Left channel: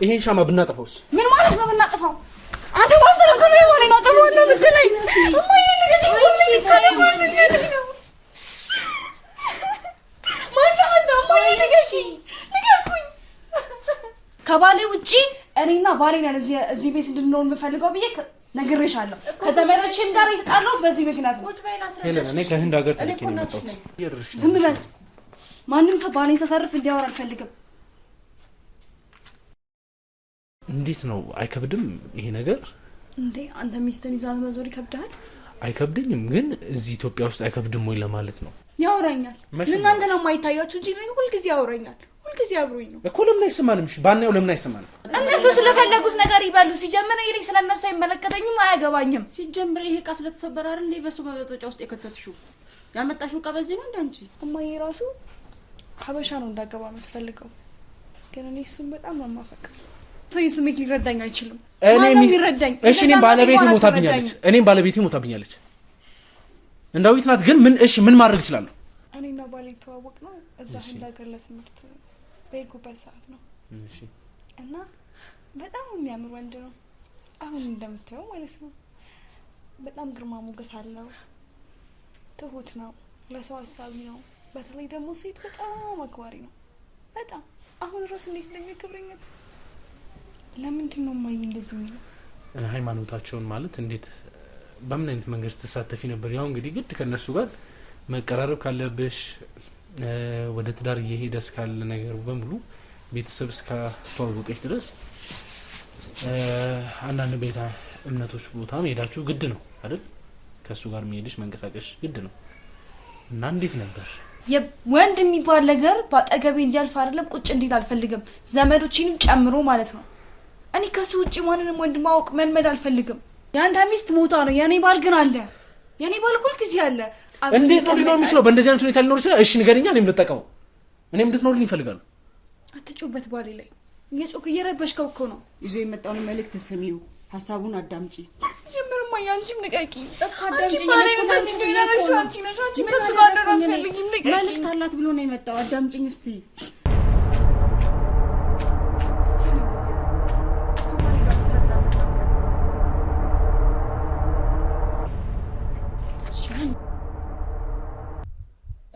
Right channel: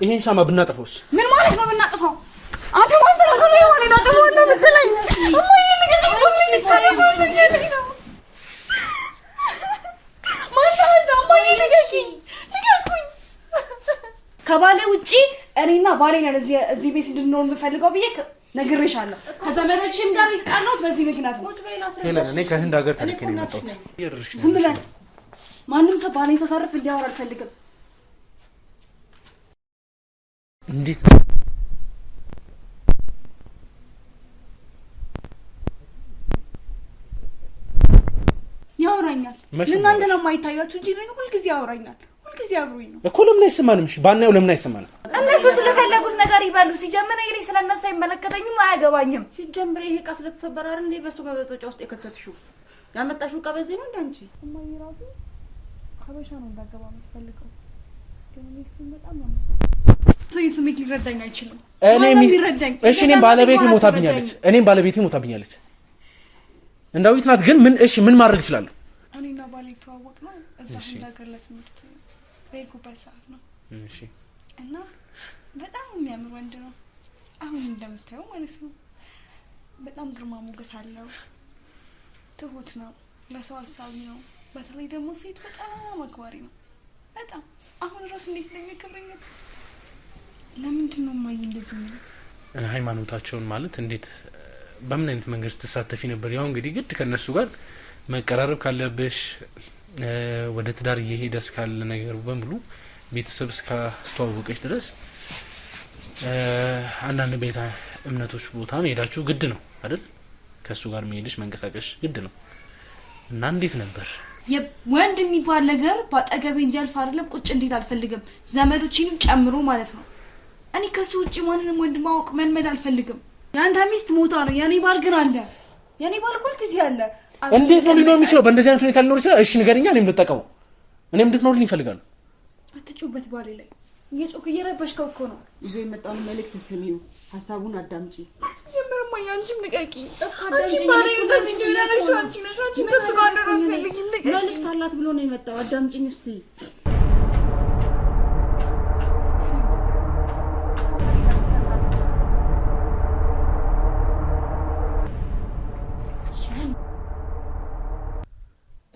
ይሄን ሻማ ብናጠፋውስ? ምን ማለት ነው ብናጠፋው? አንተ ማስተናገሩ የማን ናጠፋው ነው ብትለኝ? እማዬ ልገኝ ነው ከባሌ ውጪ እኔና ባሌ ነን እዚህ ቤት እንድንኖር የምፈልገው ብዬ ነግሬሻለሁ። ከዘመዶችም ጋር የተጣላሁት በዚህ ምክንያት ነው። ሄለን እኔ ከህንድ ሀገር ተልኬ ነው የመጣሁት። ዝም በል። ማንም ሰው ባሌን ሲያሳርፍ እንዲያወራ አልፈልግም። እንዴት ነው አይከብድም ይሄ ነገር? እንዴ አንተ ሚስትን ይዛት መዞር ይከብዳል? አይከብድኝም፣ ግን እዚህ ኢትዮጵያ ውስጥ አይከብድም ወይ ለማለት ነው። ያወራኛል። እናንተ ነው የማይታያችሁ እንጂ ነው ሁልጊዜ ያወራኛል። ሁልጊዜ አብሮኝ ነው እኮ። ለምን አይሰማንም? እሺ ባናየው ለምን አይሰማንም? እነሱ ስለፈለጉት ነገር ይበሉ። ሲጀምር ይሄ ስለነሱ አይመለከተኝም፣ አያገባኝም። ሲጀምር ይሄ ዕቃ ስለተሰበረ አይደል እንዴ በሱ በመጠጫ ውስጥ የከተትሽው? ያመጣሽው ዕቃ በዚህ ነው እንዳንቺ። እማዬ ራሱ ሀበሻ ነው እንዳገባ የምትፈልገው፣ ግን እኔ እሱን በጣም ነው የማፈቅረው። ሰው ስሜት ሊረዳኝ አይችልም። እሺ እኔም ባለቤቴ ሞታብኛለች። እንዳዊት ናት። ግን ምን ማድረግ እችላለሁ? እኔና ባሌ ተዋወቅ ነው እዛ እንዳገር ለትምህርት በሄድኩበት ሰዓት ነው። እሺ እና በጣም የሚያምር ወንድ ነው። አሁን እንደምታየው ማለት ነው። በጣም ግርማ ሞገስ አለው። ትሁት ነው። ለሰው ሀሳቢ ነው። በተለይ ደግሞ ሴት በጣም አክባሪ ነው። በጣም አሁን ራሱ እንዴት እንደሚያከብረኝ ለምንድን ነው ማይ እንደዚህ ነው? ሃይማኖታቸውን ማለት እንዴት በምን አይነት መንገድ ተሳተፊ ነበር? ያው እንግዲህ ግድ ከነሱ ጋር መቀራረብ ካለብሽ ወደ ትዳር እየሄደ እስካለ ነገር በሙሉ ቤተሰብ እስካስተዋወቀሽ ድረስ አንዳንድ ቤተ እምነቶች ቦታ መሄዳችሁ ግድ ነው አይደል? ከሱ ጋር መሄድሽ መንቀሳቀሽ ግድ ነው። እና እንዴት ነበር? ወንድ የሚባል ነገር ባጠገቤ እንዲያልፍ አይደለም ቁጭ እንዲል አልፈልግም፣ ዘመዶችንም ጨምሮ ማለት ነው። እኔ ከሱ ውጪ ማንንም ወንድ ማወቅ መልመድ አልፈልግም። ያንተ ሚስት ሞታ ነው፣ የኔ ባል ግን አለ። የኔ ባል ሁሉ ጊዜ አለ። እንዴት ነው ሊኖር የሚችለው? በእንደዚህ አይነት ሁኔታ ሊኖር ይችላል? እሺ ንገሪኛ፣ እኔም ልጠቀመው። እኔም እንድትኖርልኝ ይፈልጋሉ። አትጩበት ባሌ ላይ እየጮክ እየረበሽከው እኮ ነው። ይዞ የመጣውን መልእክት ስሚው፣ ሀሳቡን አዳምጪ። ጀምርማ ያንቺም ንቀቂ። አንቺ ባሌ እንደዚህ ነው ያለሽው። አንቺ ነሽ በሱ ጋር ነው አስፈልጊኝ። ንቀቂ። መልእክት አላት ብሎ ነው የመጣው። አዳምጪኝ እስቲ።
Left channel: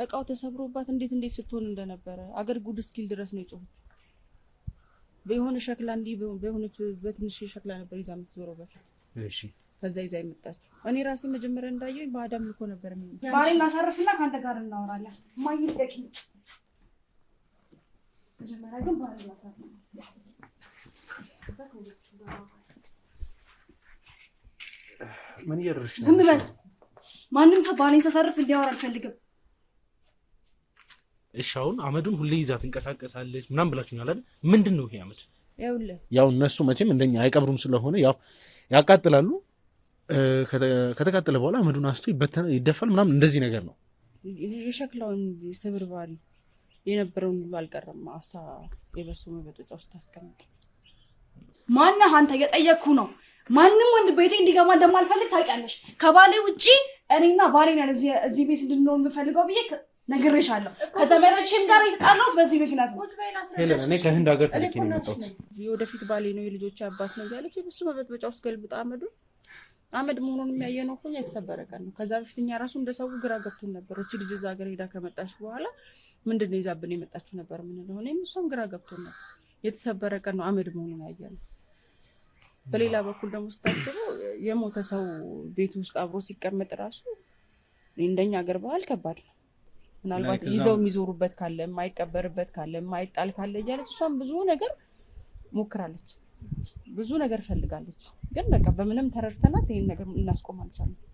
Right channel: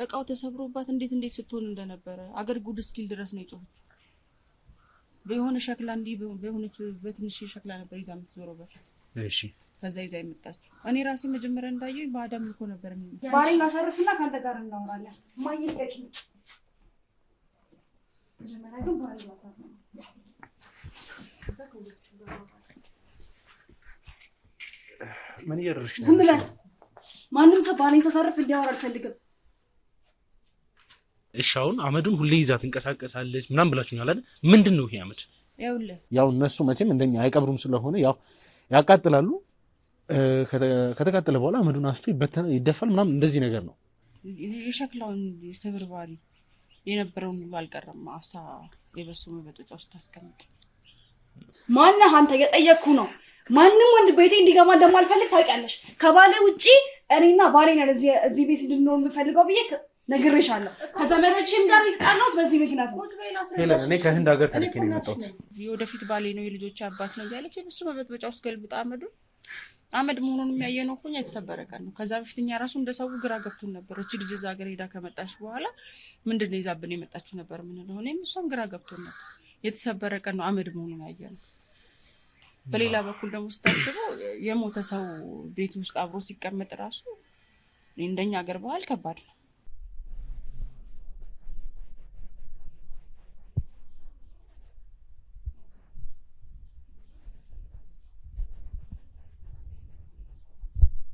እቃው ተሰብሮባት እንዴት ስትሆን እንደነበረ አገር ጉድ እስኪል ድረስ ነው የጮኸችው። በሆነ ሸክላ እንዲህ በሆነች በትንሽ ሸክላ ነበር ይዛ የምትዞረው በፊት። እሺ ከዛ ይዛ የመጣችው እኔ ራሴ መጀመሪያ እንዳየው በአዳም ልኮ ነበር የሚል ባሌን አሳርፍና ካንተ ጋር እናወራለን። ማይል ደቂ መጀመሪያ ግን ባሌን ማሳረፍ ነው። ከዛ ከሁለቱ ጋር ምን እያደረግሽ ነው? ዝም በል። ማንም ሰው ባሌን ሳሳርፍ እንዲያወራ አልፈልግም። እሺ አሁን አመዱን ሁሌ ይዛ ትንቀሳቀሳለች ምናምን ብላችሁኛል አይደል? ምንድነው ይሄ አመድ? ያው እነሱ መቼም እንደኛ አይቀብሩም ስለሆነ ያው ያቃጥላሉ። ከተቃጠለ በኋላ አመዱን አስቶ ይደፋል ምናምን እንደዚህ ነገር ነው። የሸክላውን ስብርባሪ የነበረውን ሁሉ አልቀረም። አፍሳ የበሱ መበጠጫ ውስጥ ታስቀምጥ። ማነህ አንተ? የጠየቅኩ ነው። ማንም ወንድ ቤቴ እንዲገባ እንደማልፈልግ ታውቂያለሽ። ከባሌ ውጪ እኔና ባሌ ነን እዚህ ቤት እንድንኖር የምፈልገው ብዬ ነግሬሻለሁ። ከዘመዶችም ጋር የተጣላሁት በዚህ ምክንያት ነው። ሄለን እኔ ከህንድ ሀገር ተልኬ ነው የመጣሁት። የወደፊት ባሌ ነው የልጆች አባት ነው እያለች የበሱ መበጥበጫ ውስጥ ገልብጣ አመድ መሆኑን የሚያየ ነው እኮ እኛ የተሰበረ ቀን ነው። ከዛ በፊት እኛ ራሱ እንደ ሰው ግራ ገብቶን ነበር። እቺ ልጅ እዛ ሀገር ሄዳ ከመጣች በኋላ ምንድን ነው ይዛብን የመጣችው ነበር የምንለው። እኔም እሷም ግራ ገብቶን ነበር። የተሰበረ ቀን ነው አመድ መሆኑን ያየ ነው። በሌላ በኩል ደግሞ ስታስበው የሞተ ሰው ቤት ውስጥ አብሮ ሲቀመጥ ራሱ እንደኛ ሀገር ባህል ከባድ ነው። ምናልባት ይዘው የሚዞሩበት ካለ የማይቀበርበት ካለ የማይጣል ካለ እያለች እሷም ብዙ ነገር ሞክራለች፣ ብዙ ነገር ፈልጋለች። ግን በቃ በምንም ተረድተናት ይሄን ነገር እናስቆም አልቻልንም።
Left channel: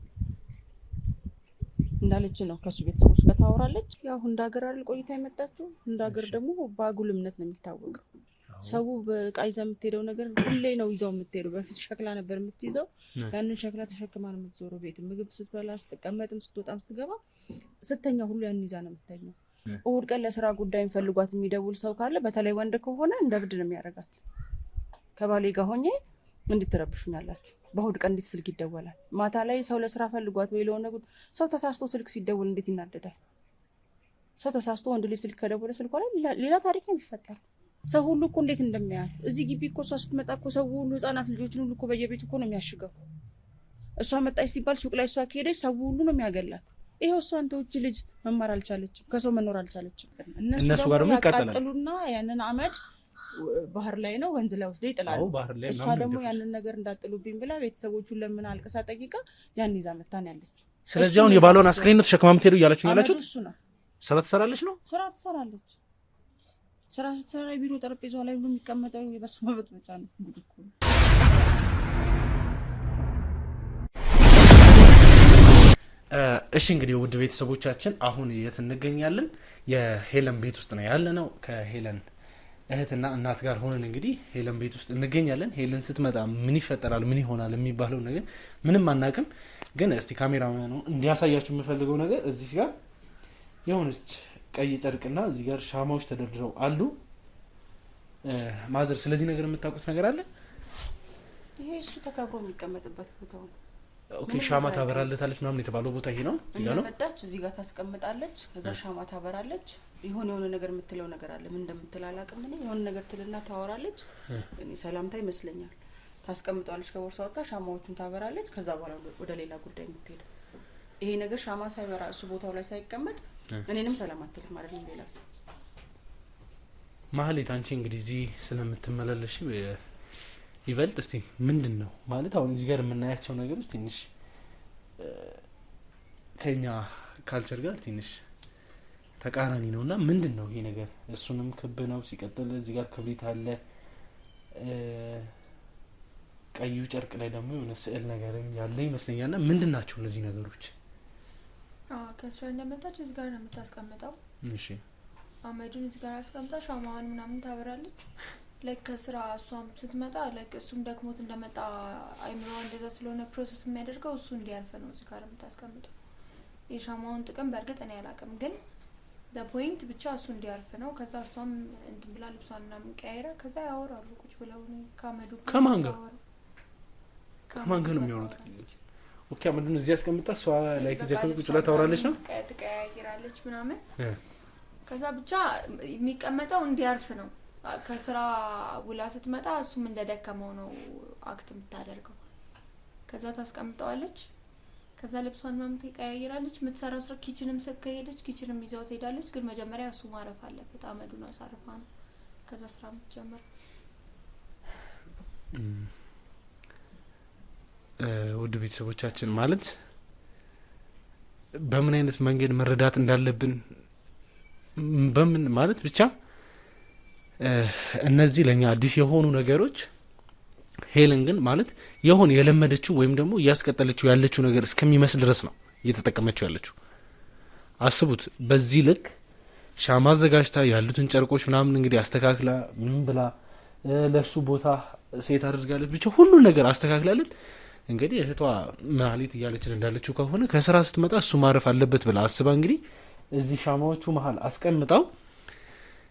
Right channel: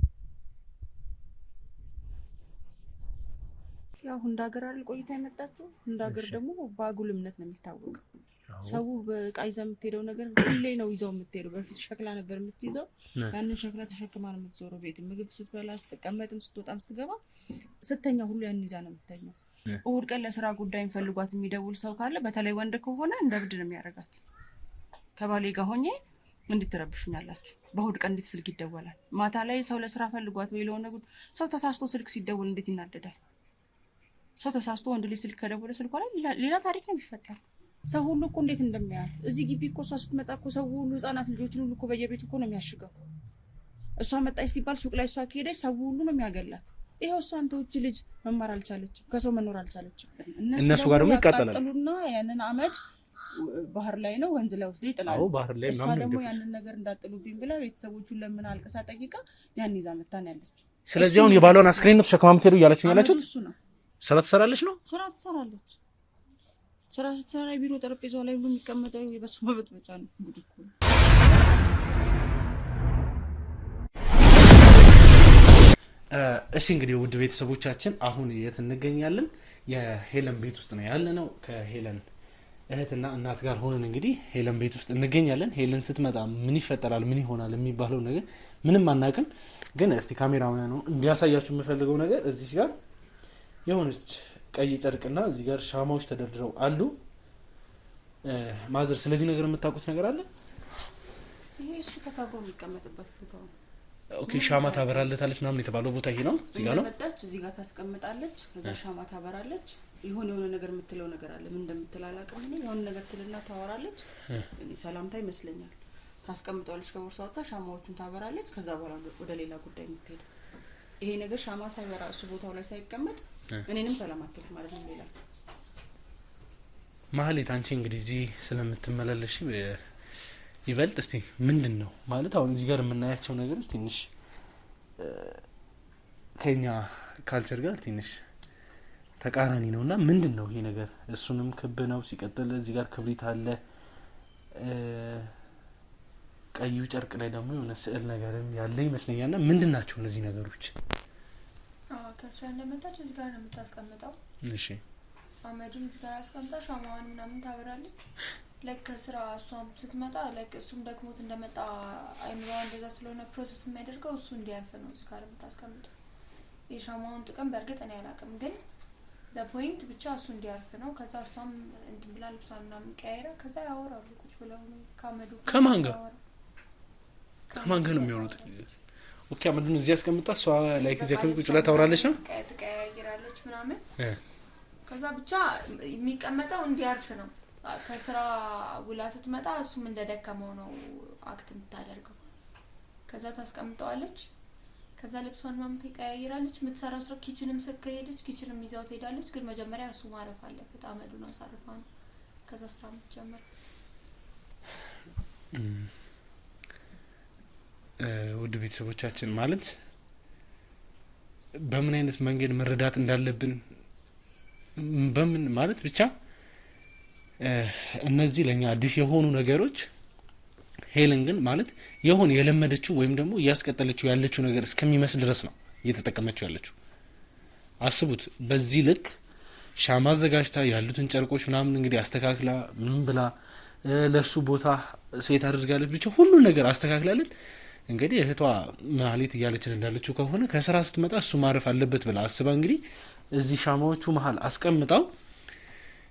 እንዳለች ነው ከሱ ቤተሰቦች ጋር ታወራለች። ያው እንደ ሀገር አይደል ቆይታ የመጣችው። እንደ ሀገር ደግሞ በአጉል እምነት ነው የሚታወቀው። ሰው በቃ ይዛ የምትሄደው ነገር ሁሌ ነው ይዛው የምትሄደው። በፊት ሸክላ ነበር የምትይዘው። ያንን ሸክላ ተሸክማ ነው የምትዞረው። ቤት ምግብ ስትበላ፣ ስትቀመጥም፣ ስትወጣም፣ ስትገባ፣ ስተኛ ሁሉ ያን ይዛ ነው የምትተኛው። እሑድ ቀን ለስራ ጉዳይ ፈልጓት የሚደውል ሰው ካለ በተለይ ወንድ ከሆነ እንደ ብድ ነው የሚያደርጋት። ከባሌ ጋር ሆኜ እንድትረብሹኛላችሁ፣ በእሑድ ቀን እንዴት ስልክ ይደወላል? ማታ ላይ ሰው ለስራ ፈልጓት ወይ ለሆነ ሰው ተሳስቶ ስልክ ሲደውል እንዴት ይናደዳል? ሰው ተሳስቶ ወንድ ልጅ ስልክ ከደወለ ስልኳ ላይ ሌላ ታሪክ ነው የሚፈጠረው። ሰው ሁሉ እኮ እንዴት እንደሚያያት እዚህ ግቢ እኮ እሷ ስትመጣ እኮ ሰው ሁሉ ህጻናት ልጆችን ሁሉ እኮ በየቤቱ እኮ ነው የሚያሽገው። እሷ መጣች ሲባል ሱቅ ላይ እሷ ከሄደች ሰው ሁሉ ነው የሚያገላት። ይሄው እሷ አንተ ውጭ ልጅ መማር አልቻለችም፣ ከሰው መኖር አልቻለችም። እነሱ ጋር ደግሞ ይቃጠላል። ያቃጥሉና ያንን አመድ ባህር ላይ ነው ወንዝ ላይ ወስደው ይጥላሉ። እሷ ደግሞ ያንን ነገር እንዳጥሉብኝ ብላ ቤተሰቦቹን ለምን አልቀሳ ጠይቃ ያን ይዛ መታን ያለች። ስለዚህ አሁን የባሏን አስክሬን ነው ተሸክማ የምትሄዱ እያላችሁ ያላችሁት? ስራ ትሰራለች ነው? ስራ ትሰራለች። ስራ ስትሰራ ቢሮ ጠረጴዛው ላይ ሁሉ የሚቀመጠው የበሱ መበጥበጫ ነው። ጉድ እኮ ነው። እሺ እንግዲህ ውድ ቤተሰቦቻችን አሁን የት እንገኛለን? የሄለን ቤት ውስጥ ነው ያለነው። ከሄለን እህትና እናት ጋር ሆነን እንግዲህ ሄለን ቤት ውስጥ እንገኛለን። ሄለን ስትመጣ ምን ይፈጠራል ምን ይሆናል የሚባለው ነገር ምንም አናውቅም። ግን እስቲ ካሜራማን ነው እንዲያሳያችሁ የምፈልገው ነገር እዚህ ጋር የሆነች ቀይ ጨርቅና እዚህ ጋር ሻማዎች ተደርድረው አሉ። ማዘር ስለዚህ ነገር የምታውቁት ነገር አለ? ይሄ እሱ ተከብሮ የሚቀመጥበት ቦታ ነው። ኦኬ ሻማ ታበራለታለች ምናምን የተባለው ቦታ ይሄ ነው። እዚህ ጋር ነው መጣች፣ እዚህ ጋር ታስቀምጣለች። ከዛ ሻማ ታበራለች። የሆነ ነገር የምትለው ነገር አለ። ምን እንደምትል አላውቅም። የሆነ ነገር ትልና ታወራለች። እኔ ሰላምታ ይመስለኛል። ታስቀምጣለች ከቦርሳ ወጣ ሻማዎቹን ታበራለች። ከዛ በኋላ ወደ ሌላ ጉዳይ የምትሄድ ይሄ ነገር ሻማ ሳይበራ እሱ ቦታው ላይ ሳይቀመጥ እኔንም ሰላም አትልም ማለት ነው። ሌላ ሰው ማህሌት አንቺ እንግዲህ እዚህ ስለምትመላለሽ ይበልጥ እስቲ ምንድን ነው ማለት አሁን እዚህ ጋር የምናያቸው ነገሮች ትንሽ ከኛ ካልቸር ጋር ትንሽ ተቃራኒ ነውና ምንድን ነው ይሄ ነገር? እሱንም ክብ ነው። ሲቀጥል እዚህ ጋር ክብሪት አለ። ቀዩ ጨርቅ ላይ ደግሞ የሆነ ስዕል ነገርም ያለ ይመስለኛልና ምንድን ናቸው እነዚህ ነገሮች? ከእሷ እንደመጣች እዚህ ጋር ነው የምታስቀምጠው። እሺ አመዱን እዚህ ጋር አስቀምጣ ሻማዋን ምናምን ታበራለች። ከስራ እሷም ስትመጣ እሱም ደክሞት እንደመጣ አይምሯ እንደዛ ስለሆነ ፕሮሰስ የሚያደርገው እሱ እንዲያልፍ ነው እዚህ ጋር የምታስቀምጠው። የሻማውን ጥቅም በእርግጥ እኔ አላውቅም፣ ግን ለፖይንት ብቻ እሱ እንዲያልፍ ነው። ከዛ እሷም እንትን ብላ ልብሷን ምናምን ቀያይራ ከዛ ያወራሉ ቁጭ ብለው ከአመዱ ከማን ጋር ነው የሚያወሩት? ኦኬ አመዱን እዚህ አስቀምጣ እሷ ላይ ከዚህ ቁጭ ብላ ታወራለች ነው ትቀያይራለች ምናምን። ከዛ ብቻ የሚቀመጠው እንዲያልፍ ነው። ከስራ ውላ ስትመጣ እሱም እንደደከመው ነው አክት የምታደርገው። ከዛ ታስቀምጠዋለች። ከዛ ልብሷን ምናምን ትቀያይራለች። የምትሰራው ስራ ኪችንም ከሄደች ኪችንም ይዛው ትሄዳለች። ግን መጀመሪያ እሱ ማረፍ አለበት። አመዱን አሳርፋ ነው ከዛ ስራ የምትጀምር። ውድ ቤተሰቦቻችን ማለት በምን አይነት መንገድ መረዳት እንዳለብን በምን ማለት ብቻ እነዚህ ለኛ አዲስ የሆኑ ነገሮች ሄለን ግን ማለት የሆነ የለመደችው ወይም ደግሞ እያስቀጠለችው ያለችው ነገር እስከሚመስል ድረስ ነው እየተጠቀመችው ያለችው። አስቡት በዚህ ልክ ሻማ አዘጋጅታ ያሉትን ጨርቆች ምናምን እንግዲህ አስተካክላ ምን ብላ ለሱ ቦታ ሴት አድርጋለች። ብቻ ሁሉ ነገር አስተካክላለን። እንግዲህ እህቷ ማህሌት እያለችን እንዳለችው ከሆነ ከስራ ስትመጣ እሱ ማረፍ አለበት ብላ አስባ እንግዲህ እዚህ ሻማዎቹ መሀል አስቀምጣው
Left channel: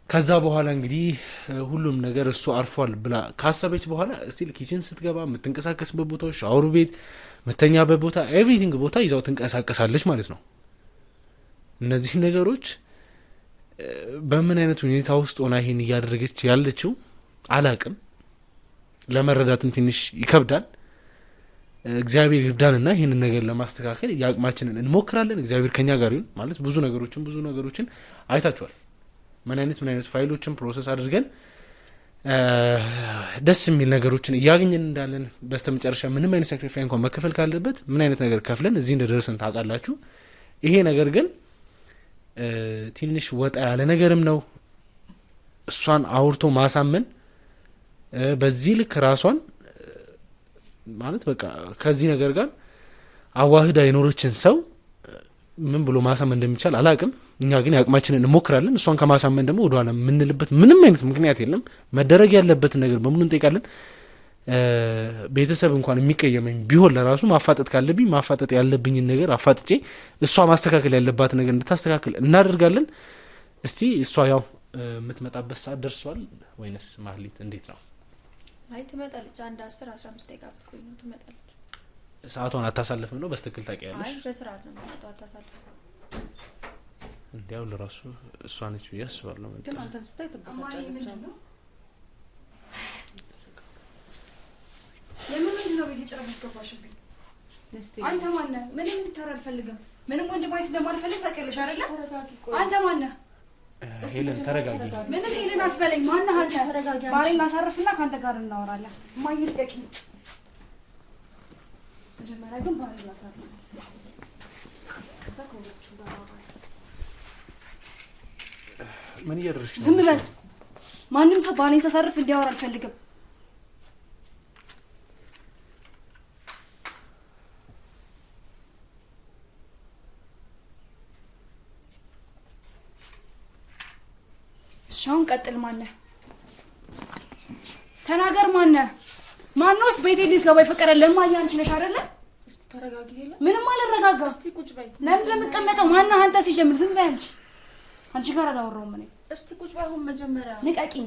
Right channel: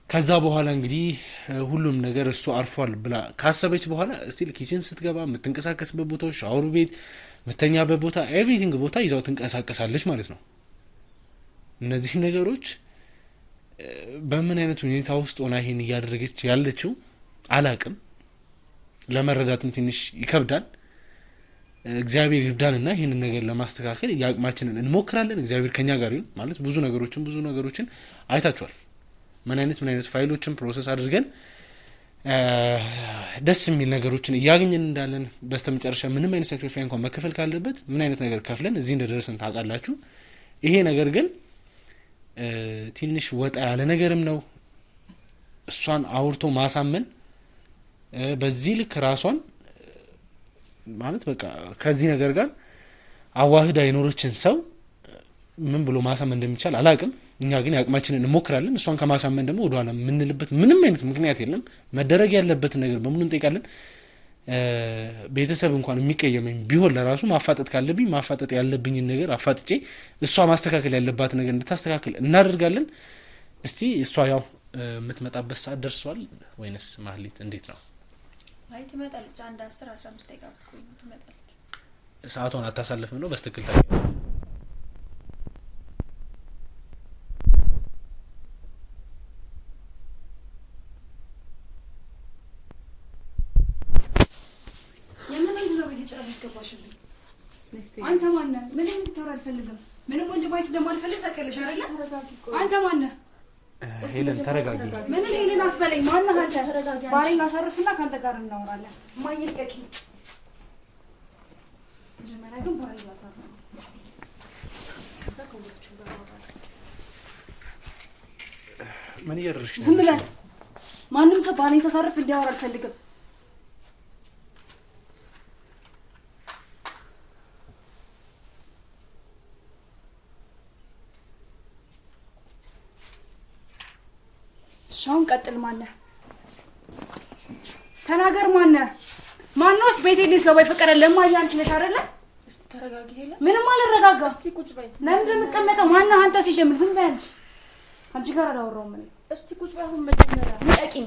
ከዛ በኋላ እንግዲህ ሁሉም ነገር እሱ አርፏል ብላ ካሰበች በኋላ ስቲል ኪችን ስትገባ የምትንቀሳቀስበት ቦታዎች፣ ሻወር ቤት፣ መተኛበት ቦታ፣ ኤቭሪቲንግ ቦታ ይዛው ትንቀሳቀሳለች ማለት ነው። እነዚህ ነገሮች በምን አይነት ሁኔታ ውስጥ ሆና ይሄን እያደረገች ያለችው አላቅም። ለመረዳትም ትንሽ ይከብዳል። እግዚአብሔር ይርዳንና ይሄንን ነገር ለማስተካከል ያቅማችንን እንሞክራለን። እግዚአብሔር ከኛ ጋር ይሁን ማለት ብዙ ነገሮችን አይታችኋል። ምን አይነት ፋይሎችን ፕሮሰስ አድርገን ደስ የሚል ነገሮችን እያገኘን እንዳለን በስተመጨረሻ ምንም አይነት ሳክሪፋይ እንኳን መከፈል ካለበት ምን አይነት ነገር ከፍለን እዚህ እንደደረስን ታውቃላችሁ። ይሄ ነገር ግን ትንሽ ወጣ ያለ ነገርም ነው። እሷን አውርቶ ማሳመን በዚህ ልክ ራሷን ማለት በቃ ከዚህ ነገር ጋር አዋህዳ የኖረችን ሰው ምን ብሎ ማሳመን እንደሚቻል አላቅም። እኛ ግን ያቅማችንን እንሞክራለን። እሷን ከማሳመን ደግሞ ወደኋላ የምንልበት ምንም አይነት ምክንያት የለም። መደረግ ያለበትን ነገር በሙሉ እንጠይቃለን። ቤተሰብ እንኳን የሚቀየመኝ ቢሆን ለራሱ ማፋጠጥ ካለብኝ ማፋጠጥ ያለብኝን ነገር አፋጥጬ እሷ ማስተካከል ያለባት ነገር እንድታስተካከል እናደርጋለን። እስቲ እሷ ያው የምትመጣበት ሰዓት ደርሷል ወይንስ ማህሌት እንዴት ነው? አይ ትመጣለች። አንድ 10-15 ደቂቃ ብትቆይ ትመጣለች። ሰዓቷን አታሳልፍም ነው? በስትክክል ታውቂያለሽ? በስርዓት ነው የምትመጣው። አታሳልፍም። እንዲያው ለራሱ እሷ ነች ብዬ አስባለሁ። ግን አንተን ስታይ ትበሳጫለች። ለምን ነው በየጨረስ ገባሽልኝ? አንተ ማን ነህ? ምንም እንድታወራ አልፈልግም። ምንም ወንድ ማየት እንደማልፈልግ ታውቂያለሽ አይደለ? አንተ ማን ነህ? ሄለን ተረጋጊ። ምንም ሄለን አስበለኝ። ማን ነህ አንተ? ባሌን አሳርፍና ካንተ ጋር እናወራለን። እማዬ ልቀቂኝ። መጀመሪያ ግን ባሌን አሳርፍ። ከዛ ከሁላችሁ ጋር እናወራለን። ምን እያደረግሽ ነው? ዝም በል። ማንም ሰው ባሌን ሳሳርፍ እንዲያወራ አልፈልግም። ሻውን ቀጥል። ማነህ? ተናገር። ማነህ? ማንስ ቤቴ እንዴት ነው ባይፈቀደ ለማያ አንቺ ነሽ አይደለ? እስቲ ተረጋጊ ሄለን። ምንም አልረጋጋ። እስቲ ቁጭ በይ። ለምን እንደምትቀመጠው? ማነህ አንተ? ሲጀምር ዝም በይ አንቺ። አንቺ ጋር አላወራሁም እኔ። እስቲ ቁጭ በይ። አሁን መጀመሪያ ልቀቂኝ።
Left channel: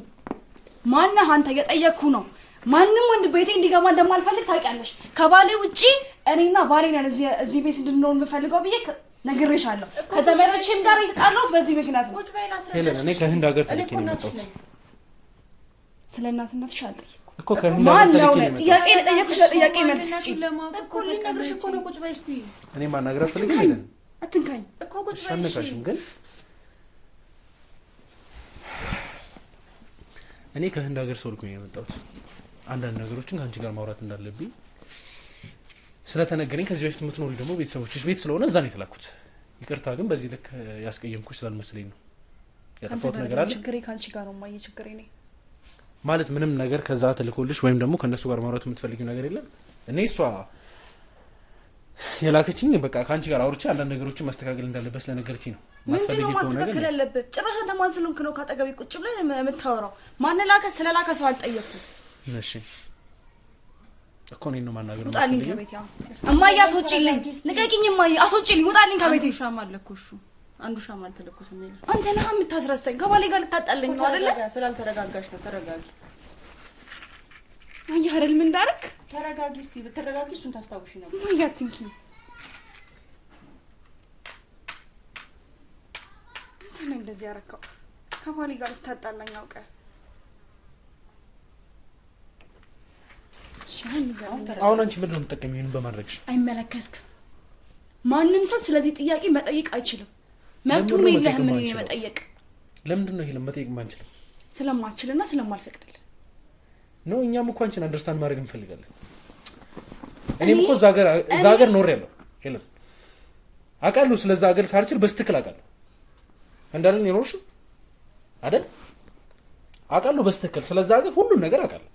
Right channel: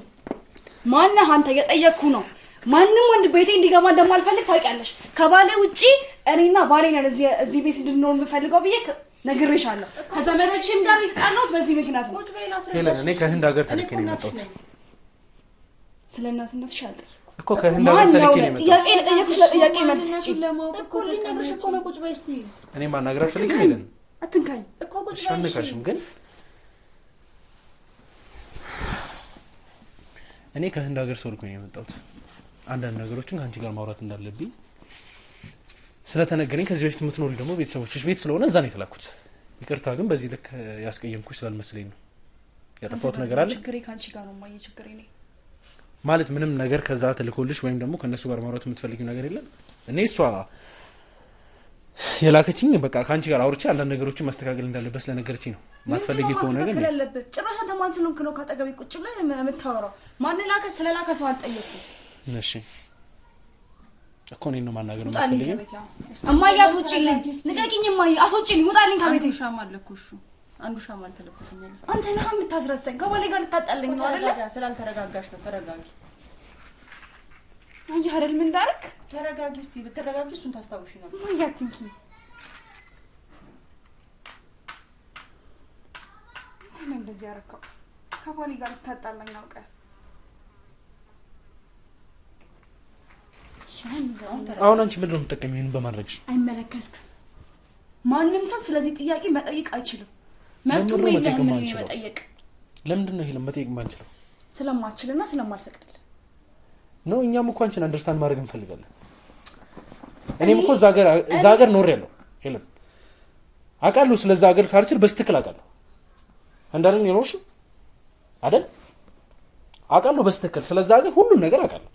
ማነህ አንተ? የጠየቅኩ ነው። ማንም ወንድ ቤቴ እንዲገባ እንደማልፈልግ ታውቂያለሽ። ከባሌ ውጪ እኔና ባሌ ነን እዚህ ቤት እንድንኖር የምፈልገው ብዬ ነግሬሻለሁ። ከዘመዶቼም ጋር የተጣላሁት በዚህ ምክንያት ነው። ሄለን እኔ ከህንድ ሀገር ተልኬ ነው የመጣሁት። ስለ እናትነትሽ አልጠየኩም እኮ ከህንድ ሀገር ተልኬ ነው የመጣሁት። ጥያቄ ለጠየኩሽ ለጥያቄ መልስ ስጪ እኮ ልነግርሽ እኮ ነው። ቁጭ በይ እስቲ። እኔ ማናገራት ፈልጌ ሄለን አትንካኝ እኮ ቁጭ በይ። ሻንካሽም ግን እኔ ከህንድ ሀገር ሰው ልኮኝ ነው የመጣሁት። አንዳንድ ነገሮችን ከአንቺ ጋር ማውራት እንዳለብኝ ስለተነገረኝ ከዚህ በፊት የምትኖሪ ደግሞ ቤተሰቦችሽ ቤት ስለሆነ እዛ ነው የተላኩት። ይቅርታ ግን በዚህ ልክ ያስቀየምኩሽ ስላልመሰለኝ ነው። ያጠፋሁት ነገር አለ? ችግሬ ካንቺ ጋር ነው ማየ። ችግሬ ነኝ ማለት ምንም ነገር ከዛ ተልኮልሽ ወይም ደግሞ ከነሱ ጋር ማውራት የምትፈልጊው ነገር የለም? እኔ እሷ የላከችኝ በቃ ከአንቺ ጋር አውርቼ አንዳንድ ነገሮችን ማስተካከል እንዳለበት ስለነገረችኝ ነው። ማትፈልጊ ከሆነ ግን ያለበት ጭራሽ አንተ ማን ስለሆንክ ነው ካጠገቤ ቁጭ ብለን የምታወራው? ማን ላከ? ስለላከ ሰው አልጠየኩም። እሺ እኮ እኔን ነው ማናገር ነው የምትፈልጊው? እማዬ አስወጪልኝ፣ ንገቂኝ። እማዬ አስወጪልኝ፣ ውጣልኝ ከቤቴ። ሻማ አለኩሽ። አንዱ ሻማ አልተለኮሰም። ያለ አንተ ነህ የምታስረሳኝ። ከባሌ ጋር ልታጣለኝ ነው አይደለ? ስላልተረጋጋሽ ነው። ተረጋጊ። አየህ አይደል ምን እንዳደረክ? ተረጋጊ። እስቲ ብትረጋጊ እሱን ታስታውሺ ነው። እማዬ አትንኪ። አንተ ነህ እንደዚህ ያረከው። ከባሌ ጋር ልታጣላኝ አውቀህ። አሁን አንቺ ምንድን ነው የምትጠቀሚው? ይሄን በማድረግሽ አይመለከትክም። ማንም ሰው ስለዚህ ጥያቄ መጠየቅ አይችልም። መብቱም የለህም መጠየቅ። ለምንድን ነው ይሄ መጠየቅ የማንችለው? ስለማትችልና ስለማልፈቅድልህ ነው። እኛም እኮ አንቺን አንደርስታንድ ማድረግ እንፈልጋለን። እኔም እኮ እዛ ሀገር ኖሬያለሁ ሄለን፣ አውቃለሁ። ስለዛ ሀገር ካልቸር በስትክክል አውቃለሁ። እንዳለን የኖርሽ አይደል? አውቃለሁ በስትክክል ስለዛ ሀገር ሁሉን ነገር አውቃለሁ።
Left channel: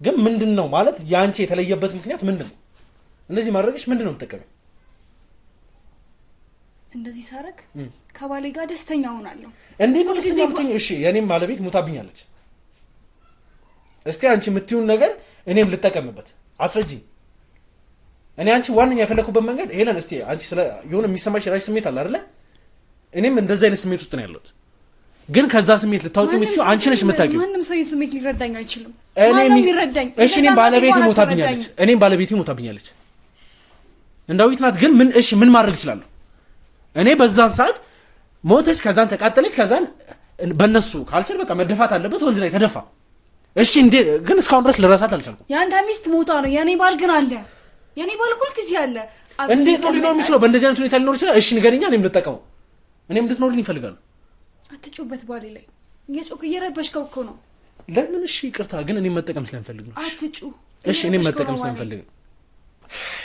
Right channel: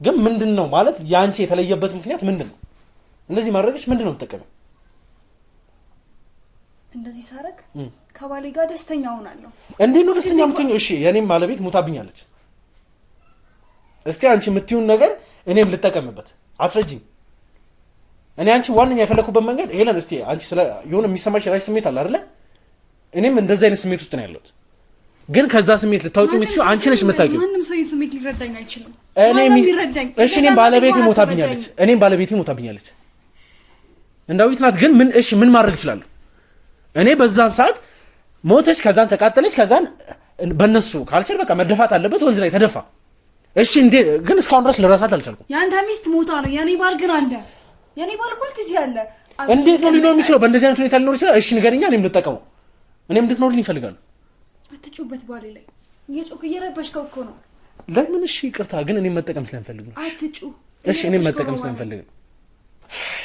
ግን ምንድነው ማለት ያንቺ የተለየበት ምክንያት ምንድነው? እንደዚህ ማድረግሽ ምንድነው የምትጠቀመው? እንደዚህ ሳረግ ከባሌ ጋር ደስተኛ ሆናለሁ። እንዴት ነው ደስተኛ የምትሆኚው? እሺ የኔም ባለቤት ሞታብኛለች። እስቲ አንቺ የምትይውን ነገር እኔም ልጠቀምበት አስረጂኝ። እኔ አንቺ ዋነኛ የፈለኩበት መንገድ ሄለን፣ እስቲ አንቺ ስለ የሆነ የሚሰማሽ የራስሽ ስሜት አለ አይደለ? እኔም እንደዛ አይነት ስሜት ውስጥ ነው ያለሁት። ግን ከዛ ስሜት ልታወጪው የምትችይው አንቺ ነሽ የምታውቂው። ምንም ሰው ስሜት ሊረዳኝ አይችልም። እሺ እኔም ባለቤቴ ሞታብኛለች። እንዳዊት ናት። ግን ምን እሺ ምን ማድረግ እችላለሁ? እኔ በዛን ሰዓት ሞተች፣ ከዛን ተቃጠለች፣ ከዛን በእነሱ ካልቸር በቃ መደፋት አለበት፣ ወንዝ ላይ ተደፋ። እሺ እንዴ ግን እስካሁን ድረስ ልረሳት አልቻልኩም። ያንተ ሚስት ሞታ ነው፣ የኔ ባል ግን አለ። የኔ ባል ሁልጊዜ አለ። እንዴት ነው ሊኖር የሚችለው? በእንደዚህ አይነት ሁኔታ ሊኖር ይችላል? እሺ ንገረኛ፣ እኔም ልጠቀመው። እኔም እንድትኖርልኝ ይፈልጋሉ። አትጩበት ባሌ ላይ እየጮክ እየረበሽከው እኮ ነው። ለምን? እሺ ይቅርታ፣ ግን እኔም መጠቀም ስለምፈልግ ነው። አትጩ። እሺ እኔም መጠቀም ስለምፈልግ ነው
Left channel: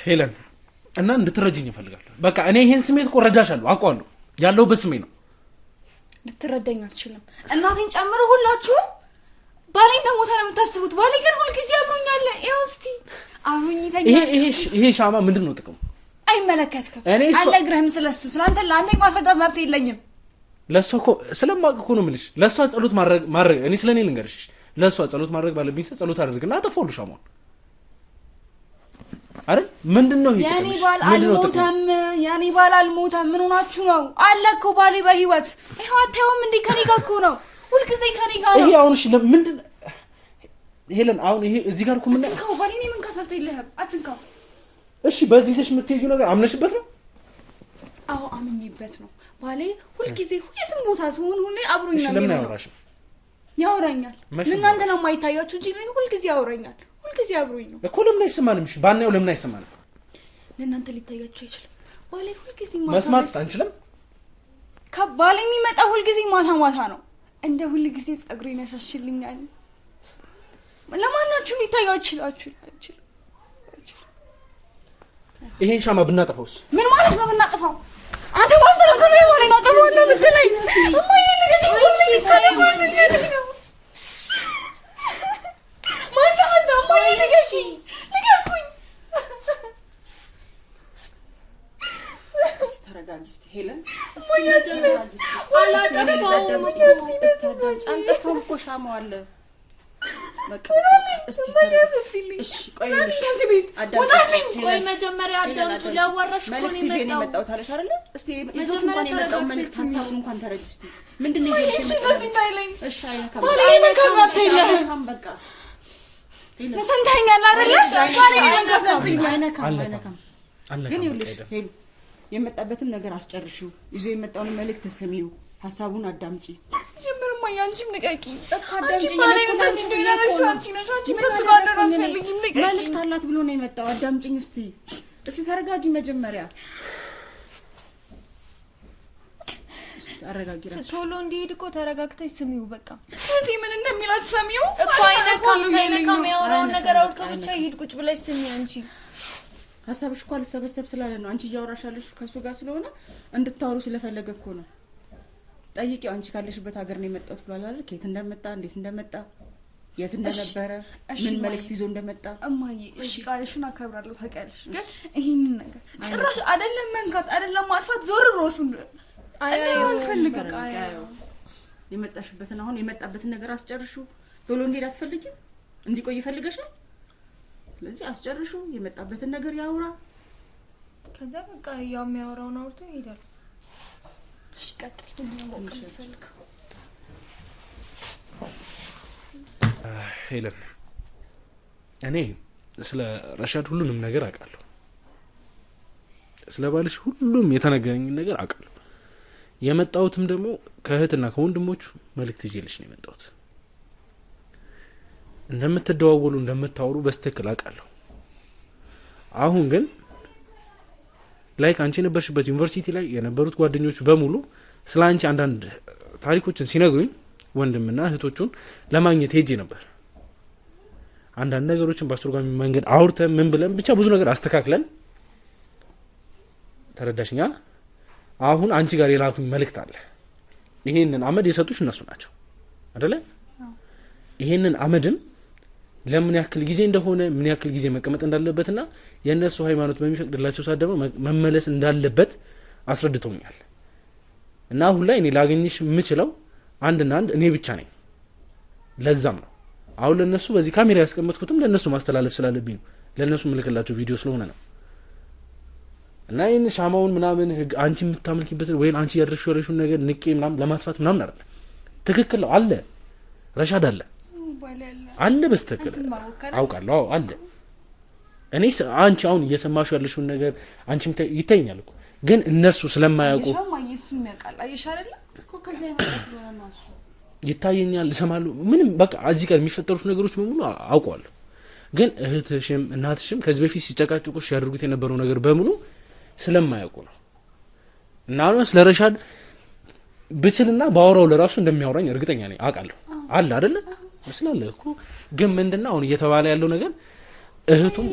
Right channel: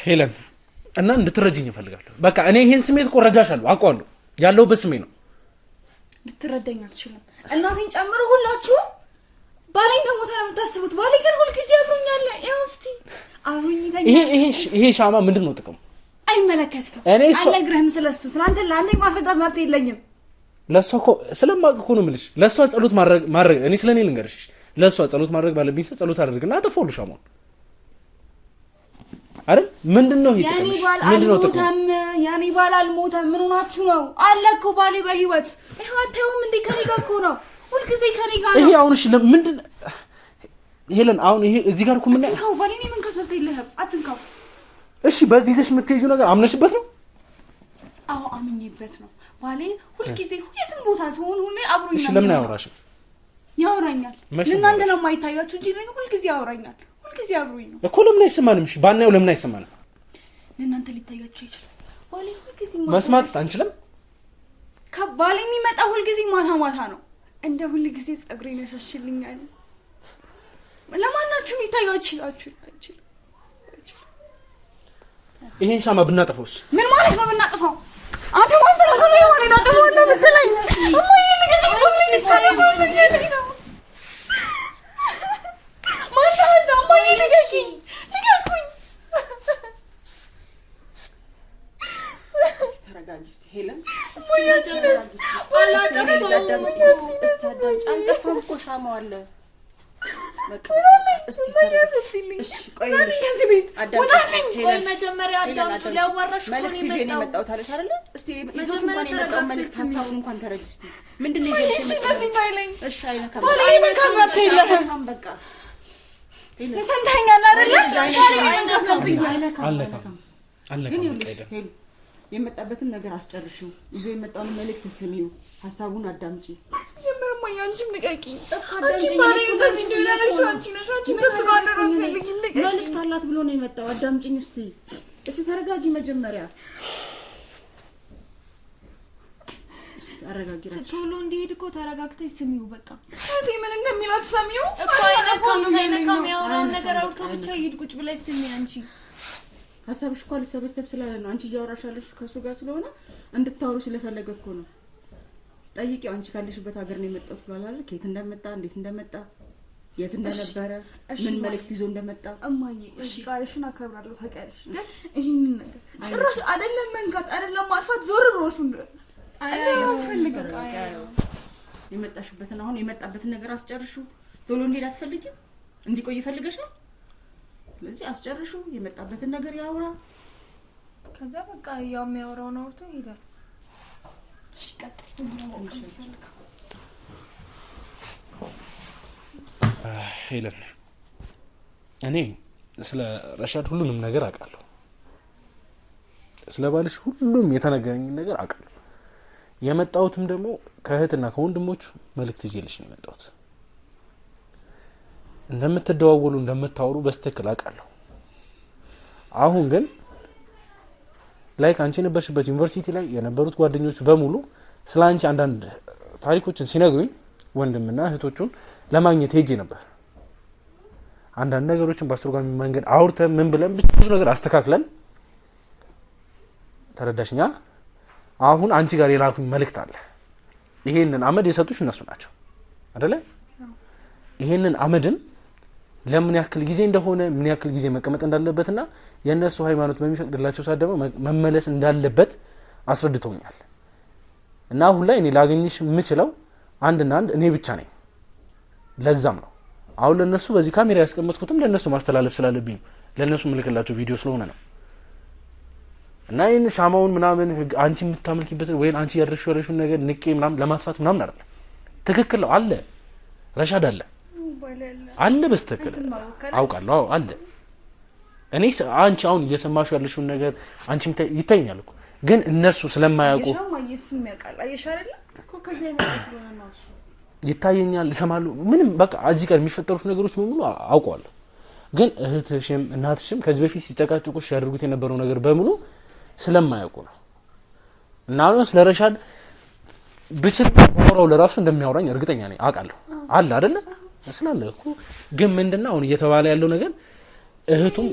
ሄለን፣ እና እንድትረጂኝ እፈልጋለሁ። በቃ እኔ ይሄን ስሜት እኮ እረዳሻለሁ፣ አውቀዋለሁ። ያለሁበት ስሜት ነው። ልትረዳኝ አትችልም። እናቴን ጨምሮ ሁላችሁም ባሌ እንደሞተ ነው የምታስቡት። ባሌ ግን ሁልጊዜ አብሮኛል። ይኸው እስቲ አብሮኝ ይተኛል። ይሄ ሻማ ምንድን ነው ጥቅሙ? አይመለከትክም። አልነግርህም ስለሱ። ስለአንተ ለአንተ ማስረዳት መብት የለኝም። ለሷ እኮ ስለማውቅ እኮ ነው የምልሽ። ለሷ ጸሎት ማድረግ እኔ ስለኔ ልንገርሽ፣ ለሷ ጸሎት ማድረግ ባለብኝ ሰው ጸሎት አድርግና አጠፋውልሽ ሻማውን አይደል? ምንድነው ይሄ ጥቅምሽ? ምንድነው ጥቅሙ? ያኔ ባል አልሞተም። ምን ሆናችሁ ነው? አለ እኮ ባሌ በህይወት ይሄው። አታዩም እንዴ? ከኔ ጋር እኮ ነው፣ ሁልጊዜ ከኔ ጋር ነው። ይሄ አሁን እሺ፣ ለምንድን ሄለን አሁን ይሄ እዚህ ጋር እኮ ምን አትንካው። ባሌ ነው መንካት መብት የለህም። አትንካው። እሺ፣ በዚህ ይዘሽ የምትሄጂው ነገር አምነሽበት ነው? አዎ አምኜበት ነው። ባሌ ሁልጊዜ የትም ቦታ ሲሆን ሁሌ አብሮኝ ነው። እሺ፣ ለምን አያወራሽም? ያወራኛል። ለእናንተ ነው የማይታያችሁ እንጂ ሁልጊዜ ያወራኛል። ሁልጊዜ አብሮኝ ነው እኮ። ለምን አይሰማንም? እሺ ባናየው ለምን አይሰማንም? ለእናንተ ሊታያችሁ አይችልም። ባሌ ሁልጊዜ መስማት አንችልም። ከባሌ የሚመጣ ሁልጊዜ ማታ ማታ ነው። እንደ ሁልጊዜ ጸጉሬን ያሻሽልኛል። ለማናችሁ ሊታያችሁ ይችላችሁ? ይሄን ሻማ ብናጠፋውስ? ምን ማለት ነው ብናጠፋው? አንተ ማስተናገሩ የማለና ጠፋለ ብትለኝ እማዬ ልገኝ ነው ሲታየው ነው ማታ እማዬ ልገኝ ልገኝ ተረጋጊ እስቲ ሄለን አልጠፋም እኮ ሻማው አለ በቃ እስቲ ተረጋጊ እሺ ቆይ ከዚህ ቤት አዳምጪኝ ቆይ መጀመሪያ አዳምጪ ሊያዋራሽ እኮ ነው የመጣሁት አለሽ አይደለ እስቲ መጀመሪያ የመጣው መልእክት ሀሳቡን እንኳን ተረጂ እስቲ ምንድነው ይዘሽ የመጣው እሺ ታይለኝ እሺ አይነካም አይነካም የለህም በቃ ይሰንተኛል አይደለ አይነካም ግን ይኸውልሽ የመጣበትን ነገር አስጨርሽው ይዞ የመጣውን መልእክት ስሚው ሐሳቡን አዳምጪ ጀምርማ ያንቺም ንቀቂ አንቺ ማለት ነው እንደዚህ እንደሆነሽ አንቺ ነሽ አንቺ በስጋለ ራስ ፈልጊም ንቀቂ መልእክት አላት ብሎ ነው የመጣው አዳምጪኝ እስቲ ተረጋጊ መጀመሪያ አረጋጊ ራስ ቶሎ እንዲሄድ እኮ ተረጋግተሽ ስሚው በቃ እቴ ምን እንደሚላት ሰሚው እኮ አይነካም ያወራውን ነገር አውርቶ ብቻ ይሄድ ቁጭ ብለሽ ስሚ አንቺ ሀሳብሽ እኮ አልሰበሰብ ስላለ ነው አንቺ እያወራሽ ያለሽ ከሱ ጋር ስለሆነ እንድታወሩ ስለፈለገ እኮ ነው ጠይቂው አንቺ ካለሽበት ሀገር ነው የመጣሁት ብሏል አይደል ከየት እንደመጣ እንዴት እንደመጣ የት እንደነበረ ምን መልእክት ይዞ እንደመጣ እማዬ እሺ ቃልሽን አከብራለሁ ታውቂያለሽ ግን ይሄንን ነገር ጭራሽ አይደለም መንካት አይደለም ማጥፋት ዞር ብሎስ አይሆን ፈልገው የመጣሽበትን አሁን የመጣበትን ነገር አስጨርሹ ቶሎ እንዴት አትፈልጊም እንዲቆይ ፈልገሻል ስለዚህ አስጨርሹ የመጣበትን ነገር ያውራ ከዛ በቃ ያው የሚያወራውን አውርቶ ይሄዳል እሺ ቀጥል ምን ፈልገው ሄለን እኔ ስለ ረሻድ ሁሉንም ነገር አውቃለሁ ስለ ባልሽ ሁሉም የተነገረኝ ነገር አውቃለሁ የመጣሁትም ደግሞ ከእህትና ከወንድሞቹ መልእክት ይዤልሽ ነው የመጣሁት እንደምትደዋወሉ እንደምታወሩ በስተክል አውቃለሁ አሁን ግን ላይክ አንቺ የነበርሽበት ዩኒቨርሲቲ ላይ የነበሩት ጓደኞቹ በሙሉ ስለ አንቺ አንዳንድ ታሪኮችን ሲነግሩኝ ወንድምና እህቶቹን ለማግኘት ሄጄ ነበር አንዳንድ ነገሮችን በአስተርጓሚ መንገድ አውርተን ምን ብለን ብቻ ብዙ ነገር አስተካክለን ተረዳሽኛ አሁን አንቺ ጋር የላኩኝ መልእክት አለ ይሄንን አመድ የሰጡሽ እነሱ ናቸው አይደለ ይሄንን አመድም ለምን ያክል ጊዜ እንደሆነ ምን ያክል ጊዜ መቀመጥ እንዳለበትና የነሱ ሃይማኖት በሚፈቅድላቸው ሰዓት ደግሞ መመለስ እንዳለበት አስረድተውኛል እና አሁን ላይ እኔ ላገኝሽ የምችለው አንድና አንድ እኔ ብቻ ነኝ ለዛም ነው አሁን ለነሱ በዚህ ካሜራ ያስቀመጥኩትም ለነሱ ማስተላለፍ ስላለብኝ ለነሱ ምልክላቸው ቪዲዮ ስለሆነ ነው እና ይሄን ሻማውን ምናምን አንቺ የምታመልኪበት ወይ አንቺ ያደረሽው ነገር ንቄ ምናምን ለማጥፋት ምናምን አይደለም ትክክል ነው አለ ረሻድ አለ በስተክል አውቃለሁ አለ እኔ አንቺ አሁን እየሰማሽ ያለሽውን ነገር አንቺም ይታየኛል እኮ ግን እነሱ ስለማያውቁ ይታየኛል ይሰማሉ ምንም በቃ እዚህ ጋር የሚፈጠሩት ነገሮች በሙሉ አውቀዋለሁ ግን እህትሽም እናትሽም ከዚህ በፊት ሲጨቃጭቁሽ ያደርጉት የነበረው ነገር በሙሉ ስለማያውቁ ነው እና አሁን ስለረሻድ ብችልና ባወራው ለራሱ እንደሚያወራኝ እርግጠኛ ነኝ አውቃለሁ አለ አይደለ ስላለ እኮ ግን ምንድነው አሁን እየተባለ ያለው ነገር እህቱም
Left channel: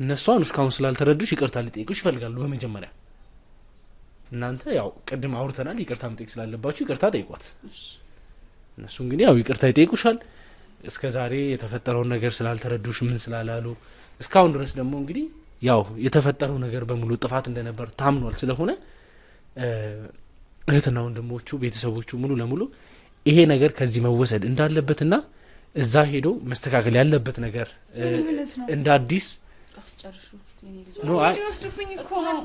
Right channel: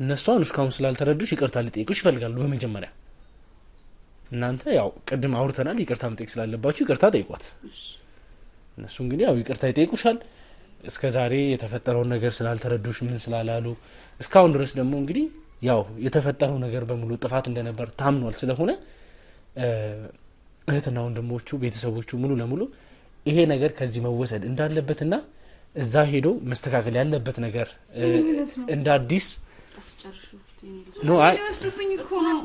እነሷን እስካሁን ስላልተረዱሽ ይቅርታ ሊጠይቁሽ ይፈልጋሉ በመጀመሪያ እናንተ ያው ቅድም አውርተናል ይቅርታ መጠየቅ ስላለባችሁ ይቅርታ ጠይቋት እነሱ እንግዲህ ያው ይቅርታ ይጠይቁሻል እስከዛሬ የተፈጠረውን ነገር ስላልተረዱሽ ምን ስላላሉ እስካሁን ድረስ ደግሞ እንግዲህ ያው የተፈጠረው ነገር በሙሉ ጥፋት እንደነበር ታምኗል ስለሆነ እህትና ወንድሞቹ ቤተሰቦቹ ሙሉ ለሙሉ ይሄ ነገር ከዚህ መወሰድ እንዳለበትና እዛ ሄዶ መስተካከል ያለበት ነገር እንደ አዲስ ነው አይወስዱብኝ እኮ ነው